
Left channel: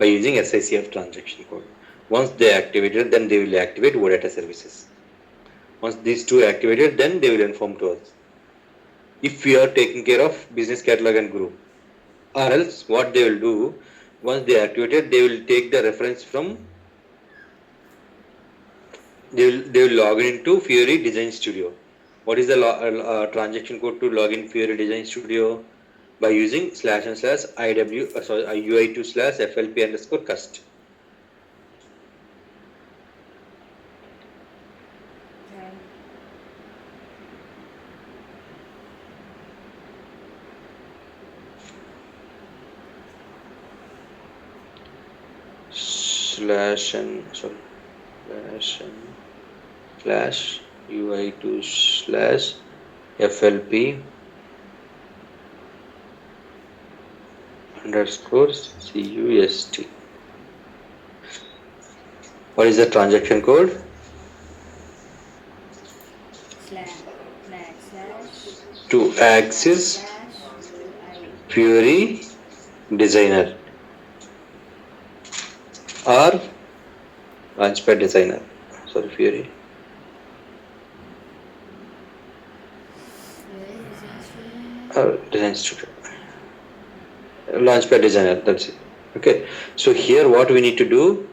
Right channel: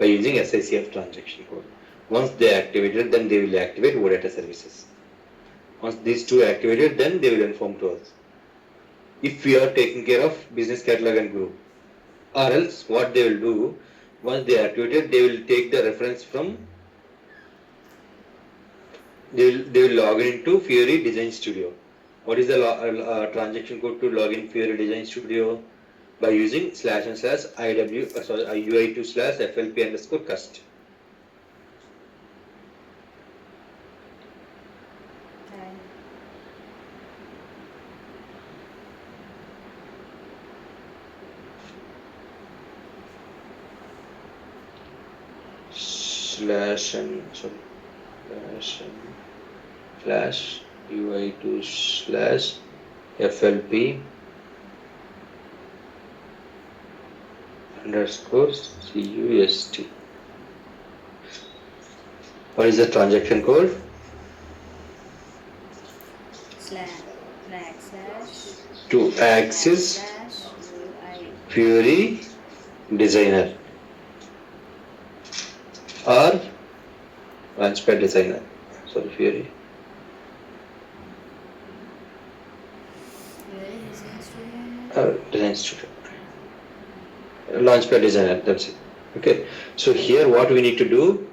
by using SICF transaction code. Once they activated, then they will activate data services. Once these two activated, then they will inform to us if we are taking care of business catalog and group, or else what they will do, once they activated, they will take the reference from, they will log into Fiori Design Studio. What is the transaction code to log in Fiori Design Studio? By using //UI2/FLP_cust. /UI2/FLP_cust. What is the transaction code? To access Fiori Designer or Launchpad Designer. Sorry, Fiori. Or Design Studio. Launchpad Designer, that's it. Okay, so here what we need to do,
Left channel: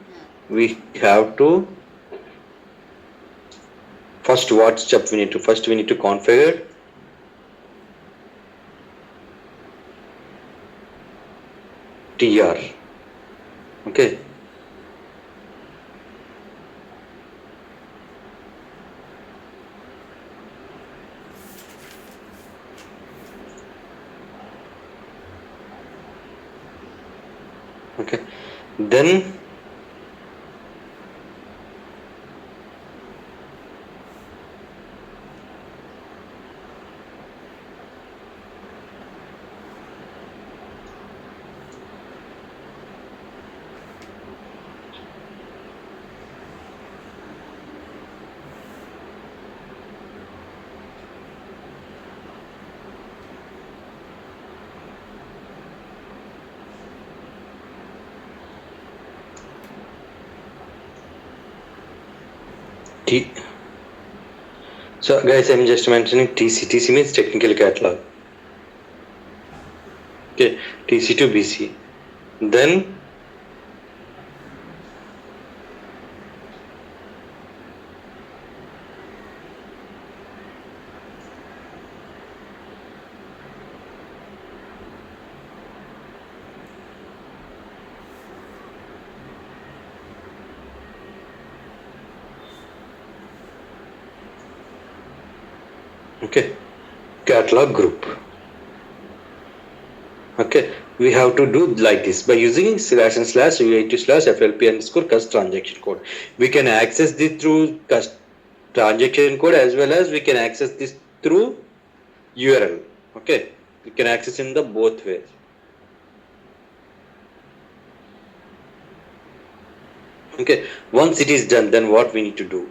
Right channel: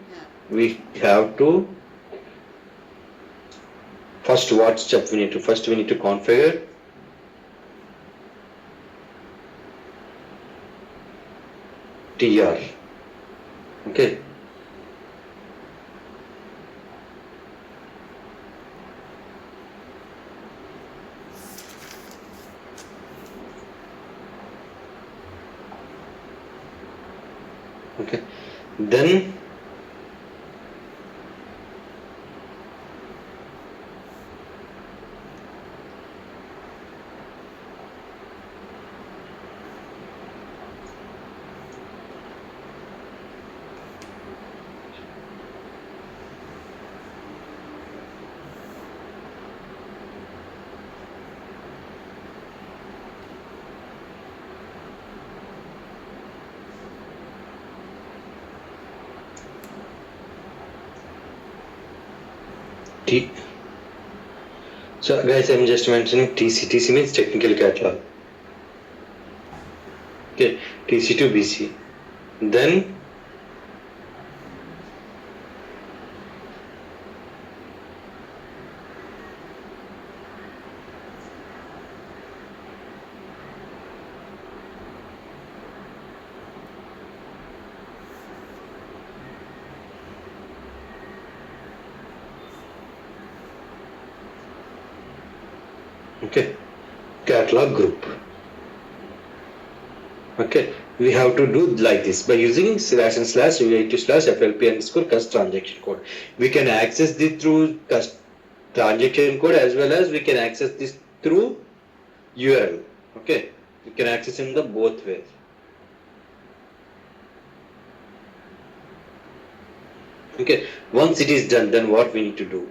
we have to first, what step we need to, first we need to configure TR. Okay, okay, then so guys, I'm just mentioning TC. TC means technical catalog. Okay, TC to BC. Then Okay, catalog group. Okay, we have to do like this by using slash and slash UAT slash FLP underscore cust transaction code. We can access this through cust transaction code as well as we can access this through URL. Okay, we can access in the both ways. Okay, once it is done, then what we need to do?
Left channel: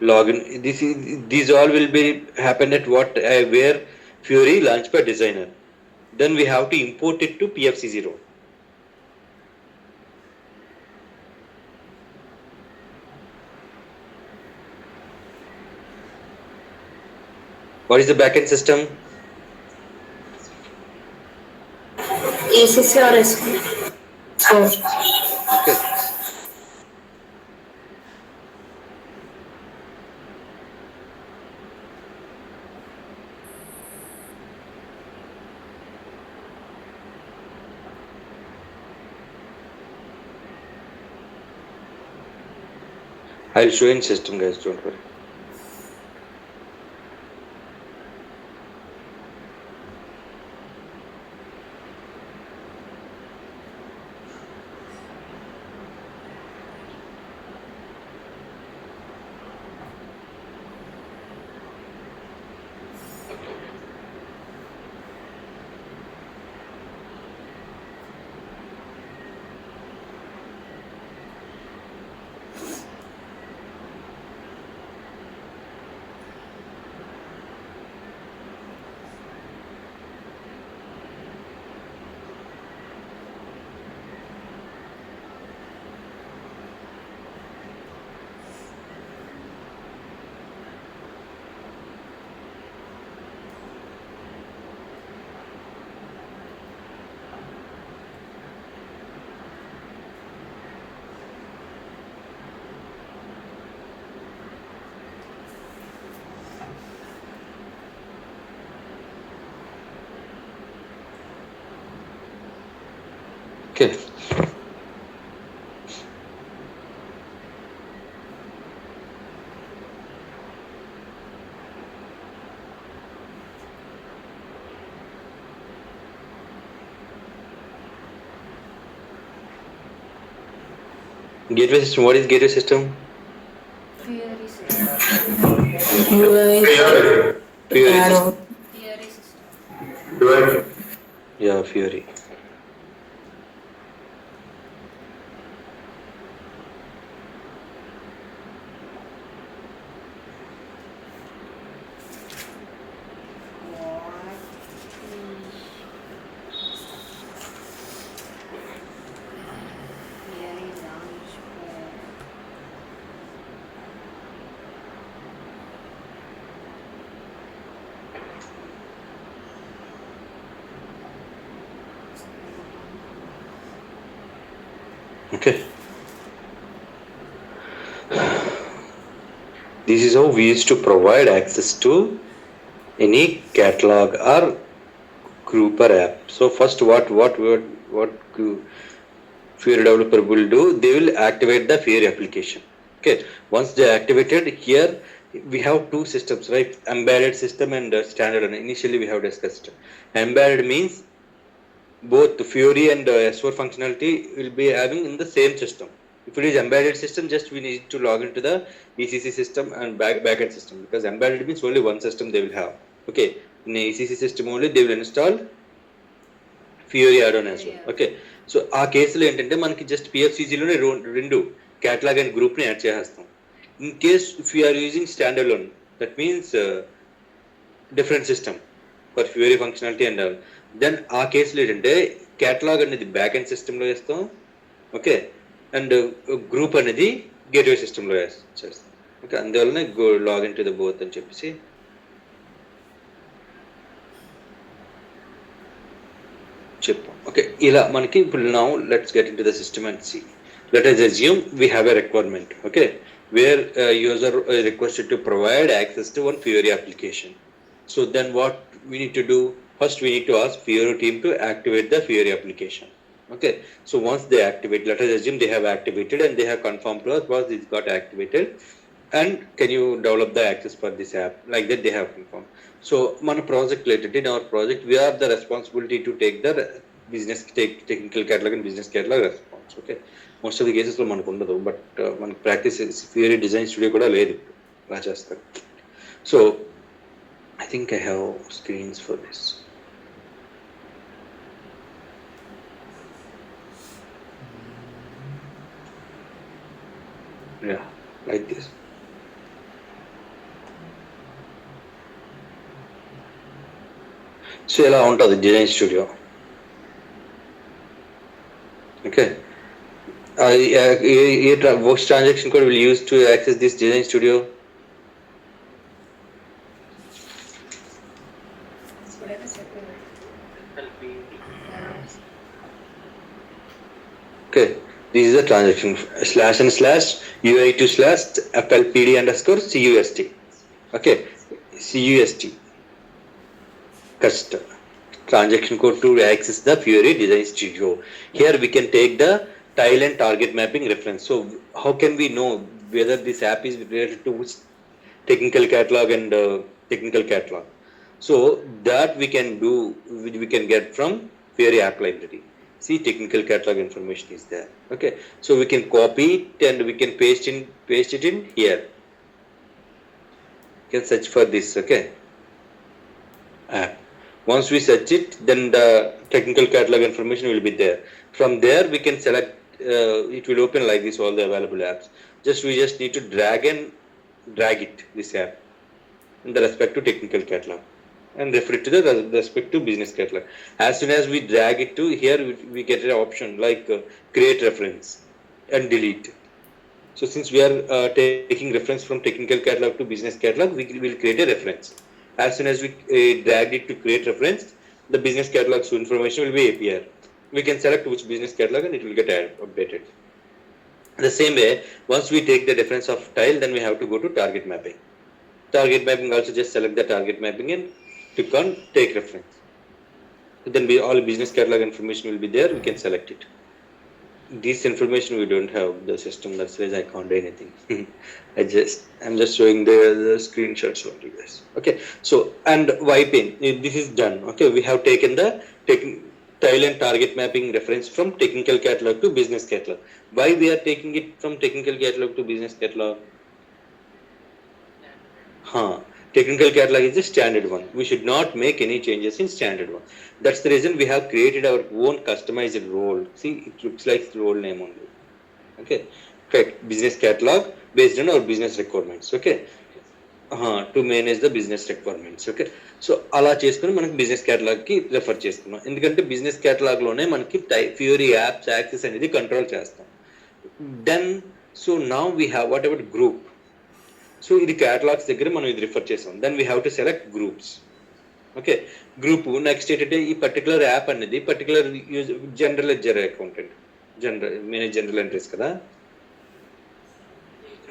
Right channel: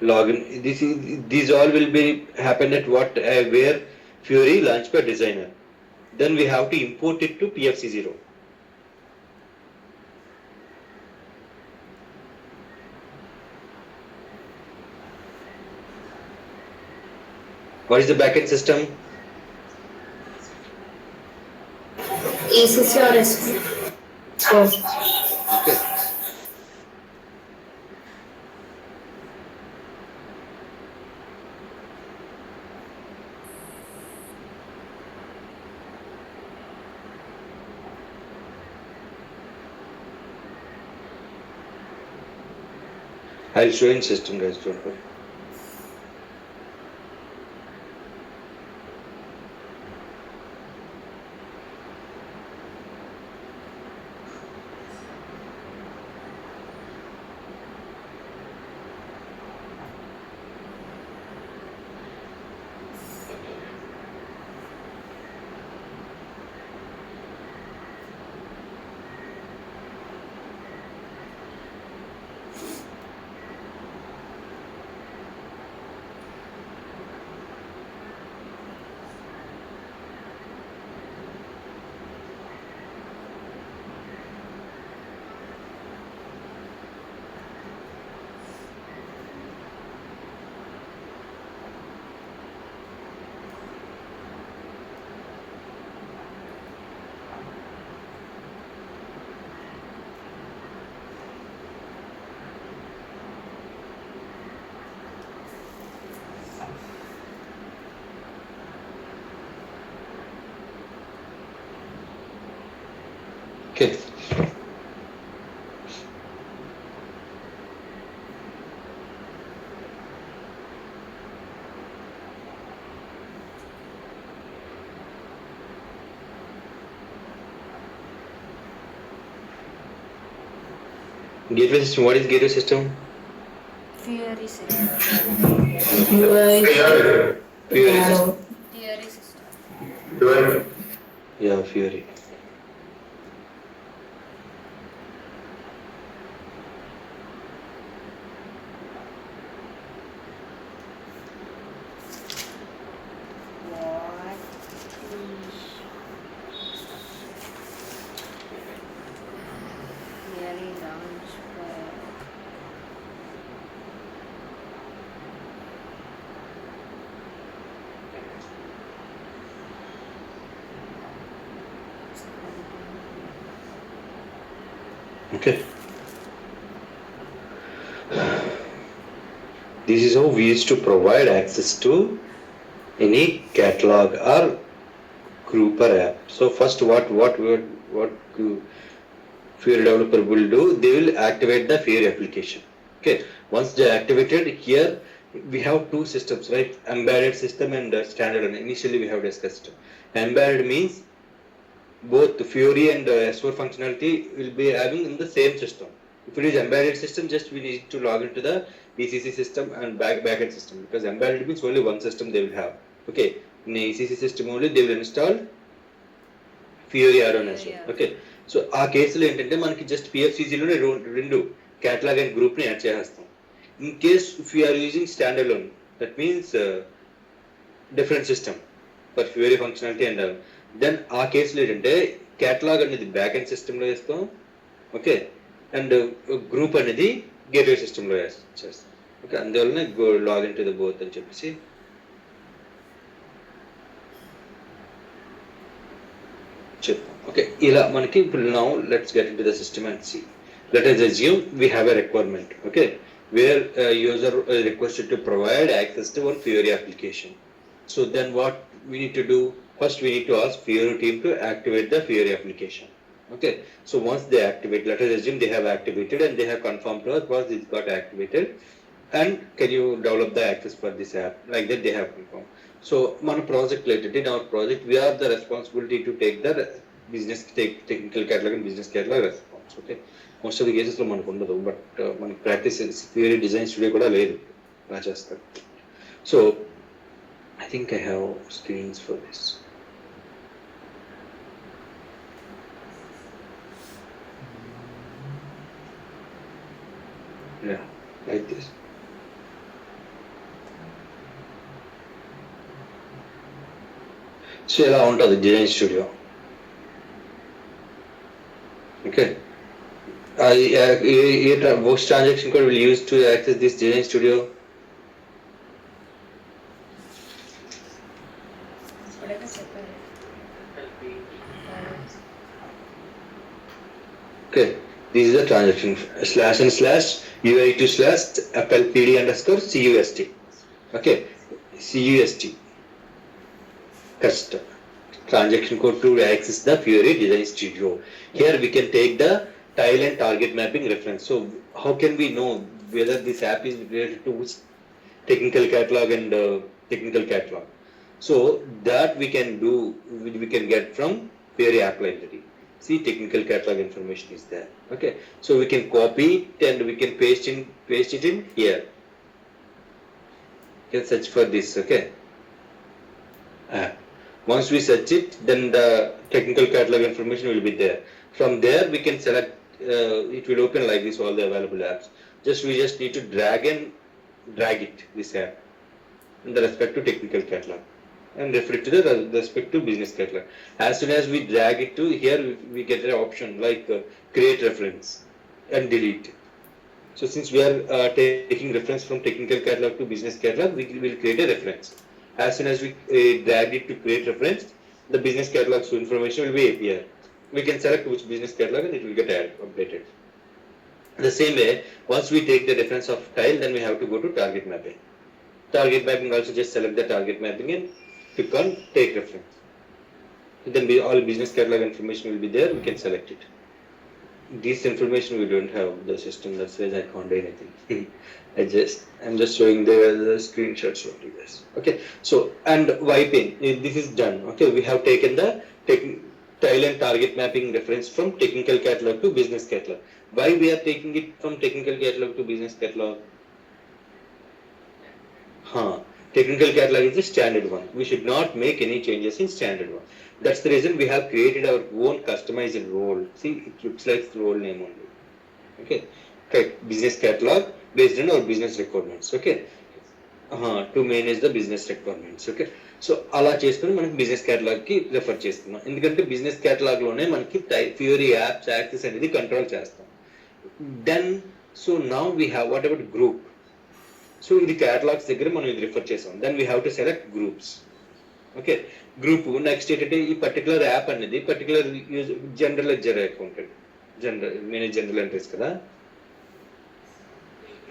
Login. These all will be happen at what where Fury Launchpad Designer. Then we have to import it to PFC0. What is the backend system? ECC or SAP? Okay. I'll show in system, guys. Don't worry. Okay. Gateway system. What is gateway system? Theory system. UI, Fury. arrow. Theory system. Yeah, Fury. Theory launch for Okay. This is how we used to provide access to any catalog or grouper app. So first, what Fury developer will do? They will activate the Fury application. Okay. Once they activated, here we have two systems, right? Embedded system and standalone. Initially, we have discussed. Embedded means both Fury and S4 functionality will be having in the same system. If it is embedded system, just we need to log into the ECC system and backend system, because embedded means only one system they will have. Okay, in the ECC system only they will install Fury add-on as well. Okay, so ఆ కేసులో ఏంటంటే మనకి just పిఎఫ్సిజిలోనే రెండు catalogue and గ్రూప్ని add చేసేస్తాం. In case if you are using standalone, that means different system for Fiori functionality and then ఆ కేసులో ఏంటంటే క్యాటలాగ్ అనేది బ్యాక్ ఎండ్ సిస్టంలో వేస్తాం. ఓకే, అండ్ గ్రూప్ అనేది గేట్వే సిస్టంలో చేస్తాం. ఓకే, అందువల్లనే లాగిన్ టు ద బోత్ అని చెప్పేసి చెప్పాం. ఓకే, ఇలా మనకి ఇప్పుడు now let's get into the system and see. Let us assume we have a requirement, okay, where user requested to provide access to one Fiori application. So then what we need to do? First we need to ask Fiori team to activate the Fiori application. Okay, so once they activate, let us assume they have activated and they have confirmed to us once it got activated. and can you develop the access for this app, like that they have informed. So మన project related, in our project we have the responsibility to take the technical catalog and business catalog response. Okay, most of the cases లో మనకు ఉండదు, but మనకి practice theory design studio కూడా లేదు అలా చేస్తారు. So I think I have screens for this. Yeah, like this. So ఇలా ఉంటుంది design studio. Okay, which transaction code will use to access this design studio? Okay, this is a transaction // UI2/ FLPD_CUST. Okay, CUST custom transaction code to access the Fiori Design Studio. Here we can take the tile and target mapping reference. So how can we know whether this app is related to which technical catalog and technical catalog? So that we can do, we can get from Fiori app library. See, technical catalog information is there. Okay, so we can copy it and we can paste it in here. You can search for this. Okay, once we search it, then the technical catalog information will be there. From there we can select, it will open like this, all the available apps. We just need to drag it, this app, in the respect to technical catalog, and refer it to the respect to business catalog. As soon as we drag it to here, we get an option like create reference and delete. So since we are taking reference from technical catalog to business catalog, we will create a reference. As soon as we drag it to create reference, the business catalog information will be appear. We can select which business catalog and it will get updated. The same way, once we take the reference of tile, then we have to go to target mapping. Target mapping also just select the target mapping and click on take reference. Then all business catalog information will be there. We can select it. This information we don't have the system, that's why I can't do anything. I'm just showing the screenshots only, guys. Okay, so and wiping, this is done. Okay, we have taken the tile and target mapping reference from technical catalog to business catalog. Why we are taking it from technical catalog to business catalog? Technical catalog is the standard one. We should not make any changes in standard one. That's the reason we have created our own customized role. See, it looks like role name only. Okay, business catalog based on our business requirements. Okay, to manage the business requirements. Okay, so అలా చేసుకుని మనకి business catalogue కి refer చేసుకున్నాం. ఎందుకంటే business catalogue లోనే మనకి Fiori apps access అనేది control చేస్తాం. Then so now we have whatever group. So ఇది కేటలాగ్స్ దగ్గర మనం ఇది రిఫర్ చేసాం. Then we have to select groups. Okay, group next ఏంటంటే ఈ పర్టికులర్ యాప్ అనేది particular general ledger accountant, manage general entries కదా.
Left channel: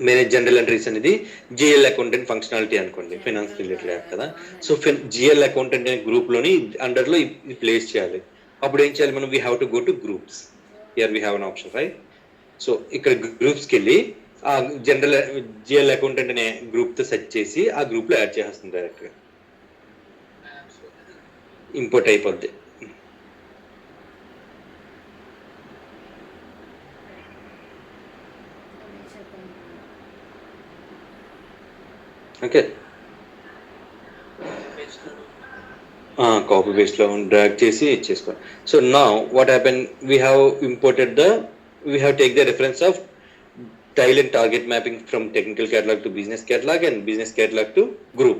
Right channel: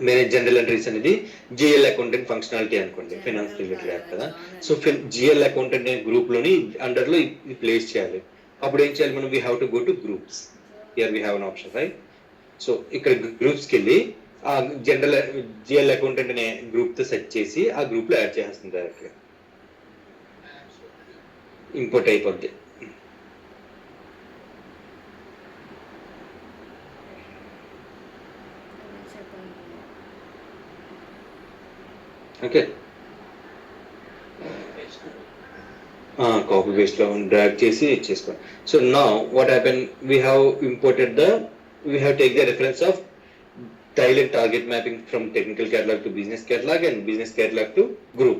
మేనేజ్ జనరల్ ఎంట్రీస్ అనేది జిఎల్ అకౌంటెంట్ ఫంక్షనాలిటీ అనుకోండి, ఫైనాన్స్ రిలేటెడ్ యాప్ కదా. సో జిఎల్ అకౌంటెంట్ అనే group లోని అండర్లో ఇది ప్లేస్ చేయాలి. అప్పుడు ఏం చేయాలి మనం? We have to go to groups. Here we have an option, right? So ఇక్కడ గ్రూప్స్కి వెళ్ళి ఆ జనరల్ జిఎల్ అకౌంటెంట్ అనే గ్రూప్ తో సెర్చ్ చేసి ఆ గ్రూప్ లో యాడ్ చేస్తుంది డైరెక్ట్ గా, ఇంపోర్ట్ అయిపోద్ది. ఓకే, కాపీ పేస్ట్ లో డ్రాగ్ చేసి చేసుకోండి. So now what happen, we have imported we have take the reference of tile and target mapping from technical catalog to business catalog and business catalog to group.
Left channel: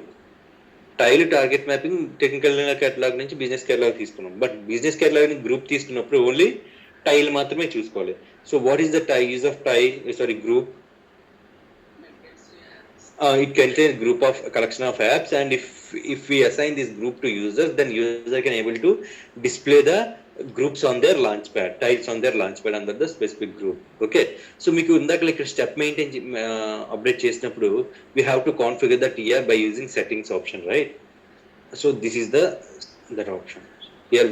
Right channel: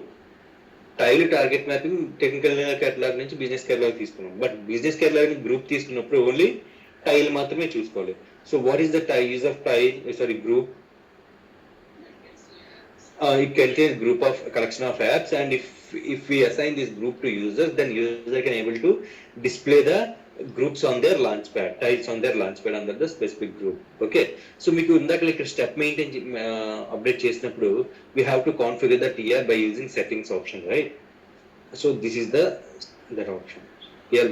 Tile target mapping technical catalog నుంచి business catalog తీసుకున్నాం, but business catalog ని group తీసుకున్నప్పుడు only tile మాత్రమే చూసుకోవాలి. So what is the use of group? It contains group of collection of apps, and if we assign this group to users, then user can able to display the groups on their launchpad, tiles on their launchpad under the specific group. Okay, so మీకు ఇందాక ఇక్కడ step maintain update చేసినప్పుడు we have to configure the TR by using settings option, right? So this is that option here.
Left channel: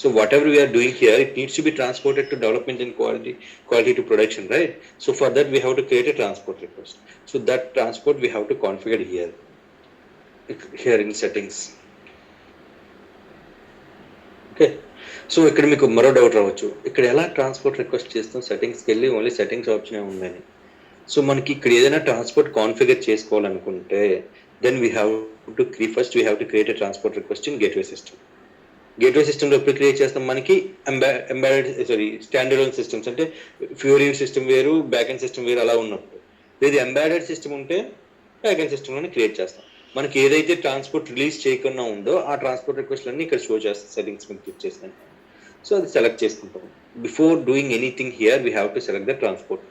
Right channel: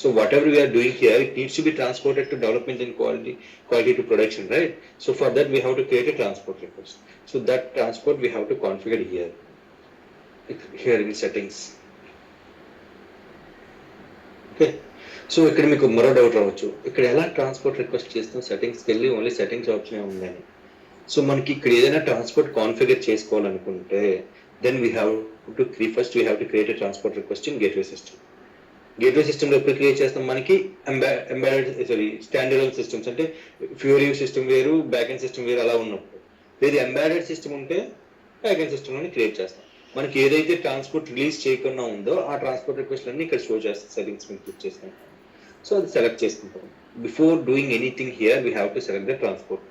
So whatever we are doing here, it needs to be transported to development and quality to production, right? So for that we have to create a transport request. So that transport we have to configure here in settings. Okay, so ఇక్కడ మీకు మరో doubt రావచ్చు, ఇక్కడ ఎలా transport request చేస్తాం, సెట్టింగ్స్కి వెళ్ళి only settings option ఉందని. సో మనకి ఇక్కడ ఏదైనా ట్రాన్స్పోర్ట్ కాన్ఫిగర్ చేసుకోవాలనుకుంటే then we have to first we have to create a transport request in gateway system. Gateway సిస్టంలో ఎప్పుడు క్రియేట్ చేస్తాం, మనకి స్టాండర్డ్ సిస్టమ్స్ అంటే ఫ్యూరీ సిస్టమ్ వేరు, బ్యాక్ ఎండ్ సిస్టమ్ వేరు అలా ఉన్నప్పుడు. ఇది ఎంబెడెడ్ సిస్టమ్ ఉంటే బ్యాక్ ఎండ్ సిస్టమ్లోనే క్రియేట్ చేస్తాం. మనకి ఏదైతే ట్రాన్స్పోర్ట్ రిలీజ్ చేయకుండా ఉందో ఆ ట్రాన్స్పోర్ట్ రిక్వెస్ట్ అన్ని ఇక్కడ షో చేస్తాం సెట్టింగ్స్ మీద క్లిక్ చేసిన. సో అది సెలెక్ట్ చేసుకుంటాం. Before doing anything here we have to select the transport,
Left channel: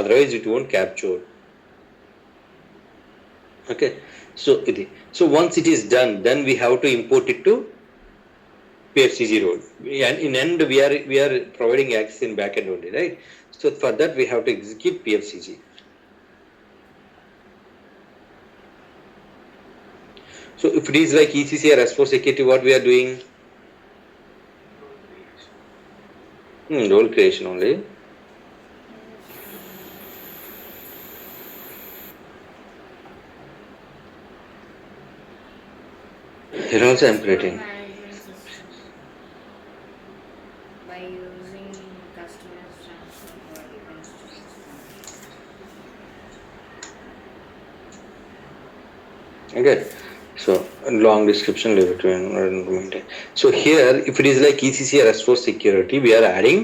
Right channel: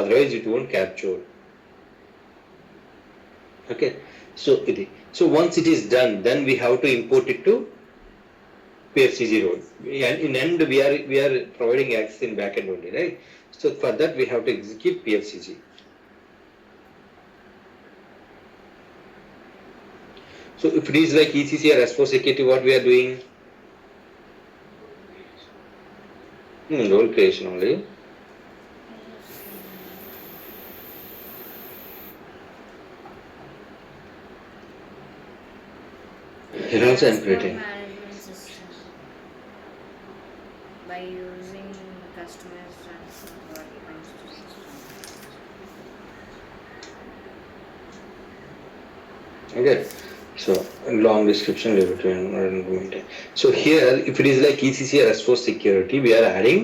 otherwise it won't capture. Okay, so ఇది. So once it is done, then we have to import it to PFCG role, and in end we are providing access in backend only, right? So for that we have to execute PFCG. So if it is like ECC or S4 security, what we are doing? Role creation only. Here also I am creating. By using customers transport. Okay, so long description leave it. So here if it is like ECC or S4 security, we are adding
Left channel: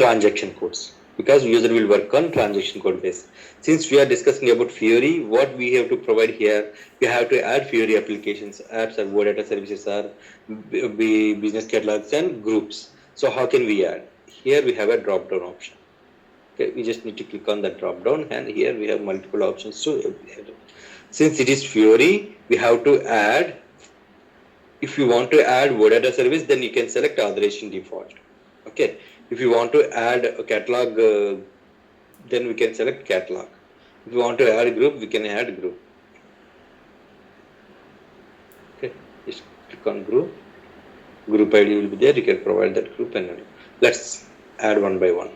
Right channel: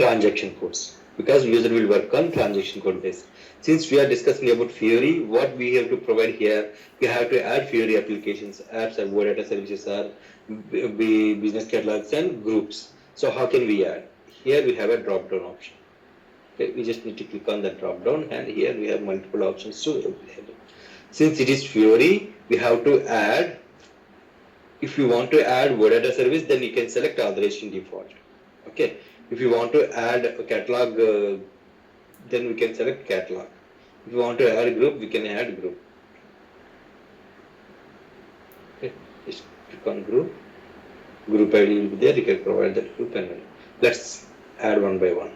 transaction codes because user will work on transaction code based. Since we are discussing about Fiori, what we have to provide here, we have to add Fiori applications, apps, and data services, or business catalogs and groups. So how can we add? Here we have a drop down option. Okay, we just need to click on that drop down, and here we have multiple options. So since it is Fiori, we have to add, if you want to add data service, then you can select authorization default. Okay, if you want to add a catalog, then we can select catalog. If you want to add group, we can add group. Okay, just click on group ID will be there, you can provide that group, and let's add one by one.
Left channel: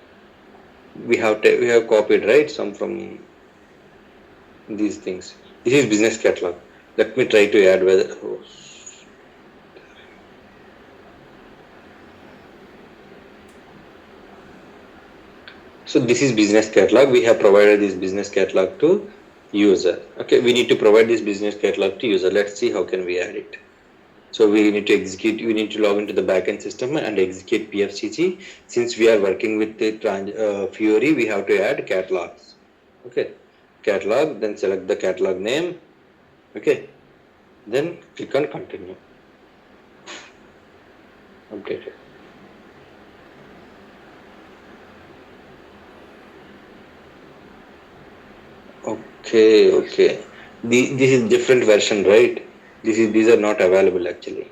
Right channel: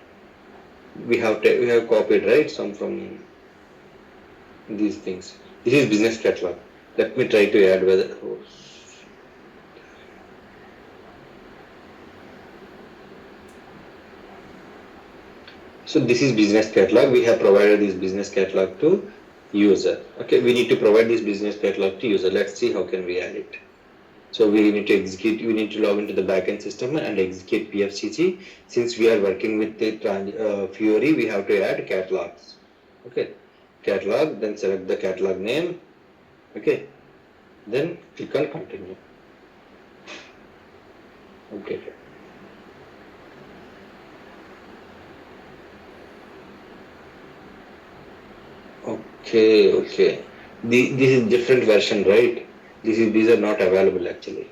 We have copied, right, some from these things. This is business catalog. Let me try to add whether so this is business catalog. We have provided this business catalog to user. Okay, we need to provide this business catalog to user. Let's see how can we add it. So we need to execute, we need to log into the backend system and execute PFCG. Since we are working with the Fiori, we have to add catalogs. Okay, catalog, then select the catalog name. Okay, then click on continue. Okay. Okay. This is different version, right? These are not available actually.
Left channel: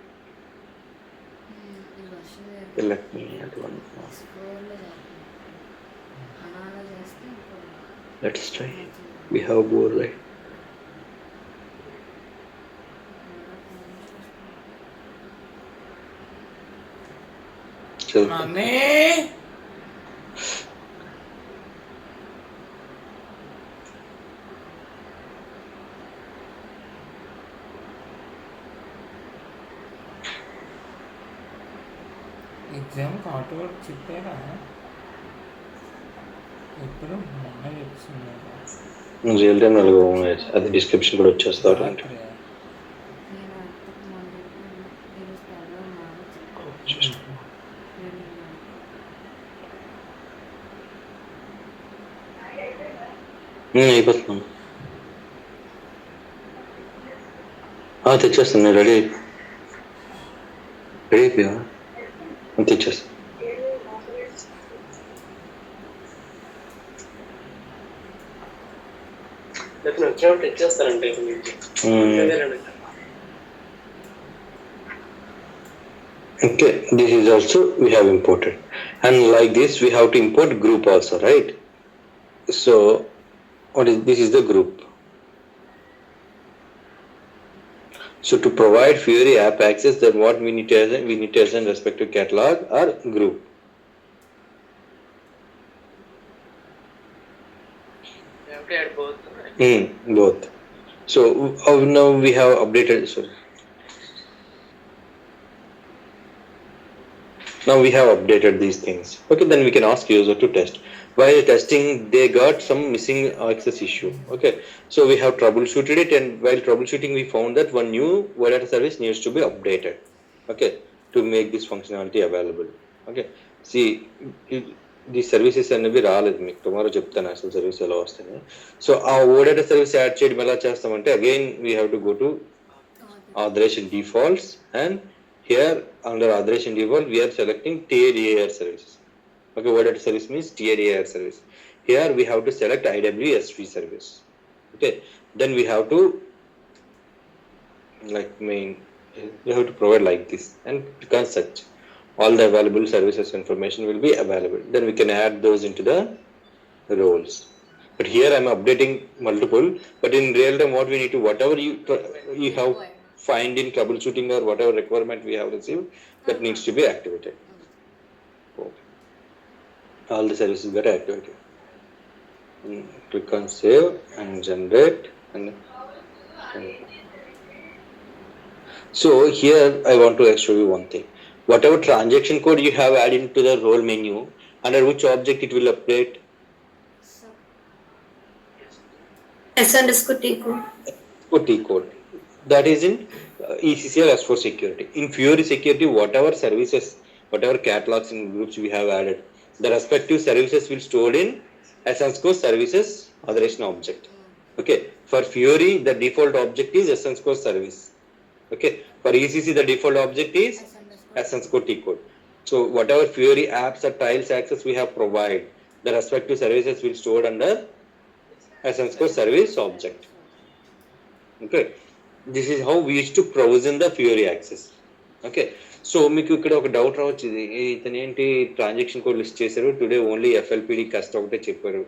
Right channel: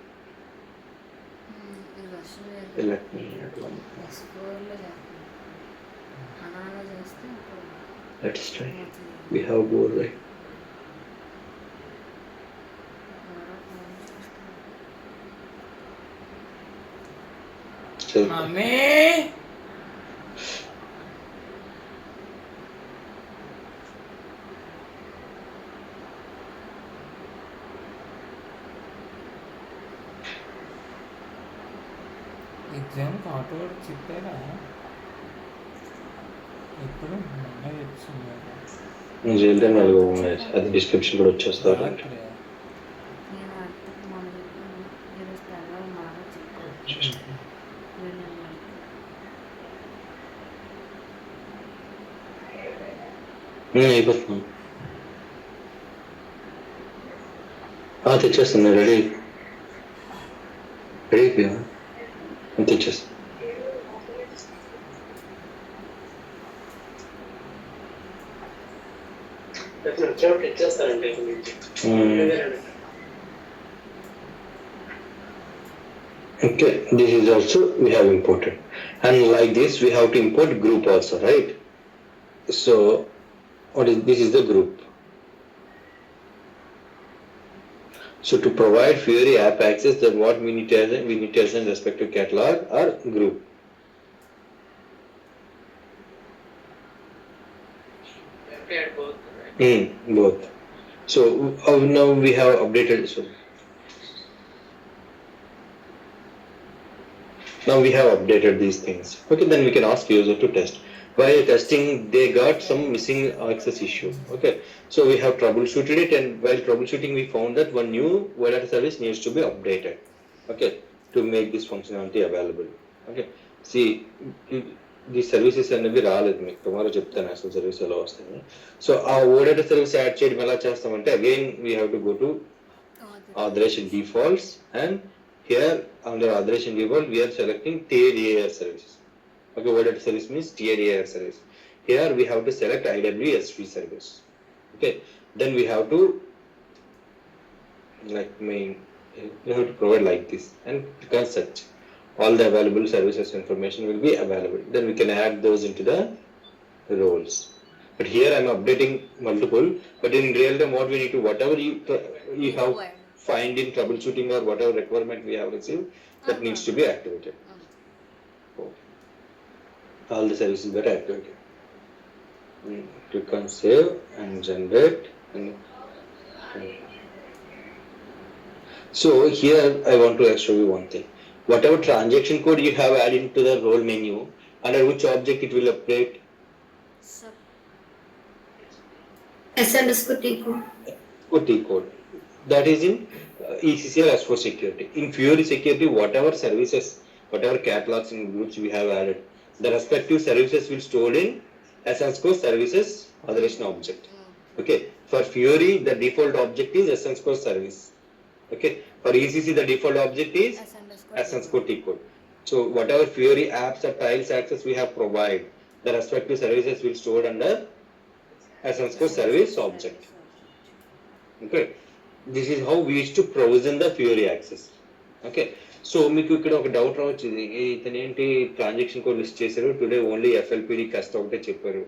Let me add one. Let's try. We have board, right? So, Mami. Exam auto చెప్పారా ఎప్పుడు మొన్న వచ్చింది real time అలాగే అది description కూడా వచ్చేస్తారు. నేను అర్థం ముందు నేను స్థాయిలో బాగా చెప్పాను. అయిపోతున్నాను. తెచ్చేస్తాను, రెడీ అయిపోయా, తెచ్చేస్తాను. వచ్చినప్పుడు ఇచ్చేస్తారంటే Okay, this is also we have imported, and like this we have to import group also, right? So this is the group. So to provide Fiori app access, then what we need to assign respective catalog or group. You have to add both. Right? Both. So now we have updated. Sorry. Now we have updated these things. Okay, then we can ask user to test. While testing, they got some missing access issue. Okay, so we have troubleshooted it, and while troubleshooting, we found that one new web data service needs to be updated. Okay, to make this functionality available. Okay, see, the services అనేవి రాలేదు మీకు tomorrow చెప్తాను అసలు service ఎలా వస్తాయి. So ఆ ఓ data service add చేయడం ఎలా చేస్తామంటే again we have to go to authorization defaults, and here under authorization default we are selecting tier AR services. Okay, what data service means tier AR service. Here we have to select IWS service. Okay, then we have to we have to provide like this, and click search. All the available services information will be available. Then we can add those into the roles. But here I'm updating multiple, but in real time what we need to, whatever you have find in troubleshooting or whatever requirement we have received, that needs to be activated. All the services get activated. Click on save and generate. So here I want to show you one thing. Whatever transaction code you have added into the role menu, under which object it will update? S_T code. That is in ECC or S4 security. In Fiori security, whatever services, whatever catalogs and groups we have added, the respective services will stored in Essence Core services authorization object. Okay, for Fiori the default object is Essence Core service. Okay, for ECC the default object is Essence Core T code. So whatever Fiori apps or tiles access we have provided, the respective services will stored under Essence Core service object. Okay, this is how we used to provision the Fiori access. Okay, so మీకు ఇక్కడ ఒక doubt రావచ్చు, ఇతను ఏంటి transaction code list చేశారు, today only FLPD కస్ట్ ఒకటే చెప్పారు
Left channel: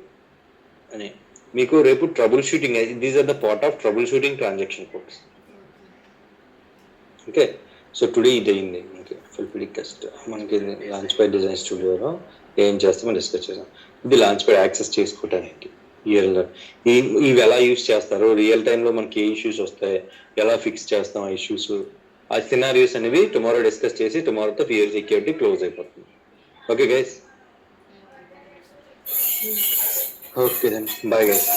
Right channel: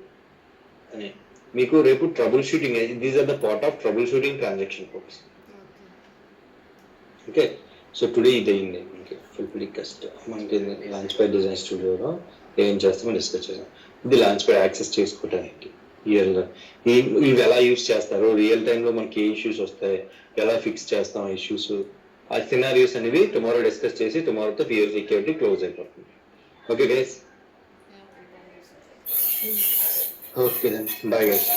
అని. మీకు రేపు trouble shooting, these are the part of trouble shooting transaction codes. Okay, so today ఇది అయింది. ఓకే, FLPD కస్ట్ మనకి లాంచ్ ప్యాడ్ డిజైన్ స్టూడియోలో ఏం చేస్తామో డిస్కస్ చేసాం. ఇది లాంచ్ ప్యాడ్ యాక్సెస్ చేసుకోవడానికి ఇవి ఎలా యూస్ చేస్తారు, రియల్ టైంలో మనకి ఏ ఇష్యూస్ వస్తాయి, ఎలా ఫిక్స్ చేస్తాం ఆ ఇష్యూస్, ఆ సినారియోస్ అనేవి టుమారో డిస్కస్ చేసి టుమారోతో Fiori సెక్యూరిటీ క్లోజ్ అయిపోతుంది. Okay guys, okay then bye guys.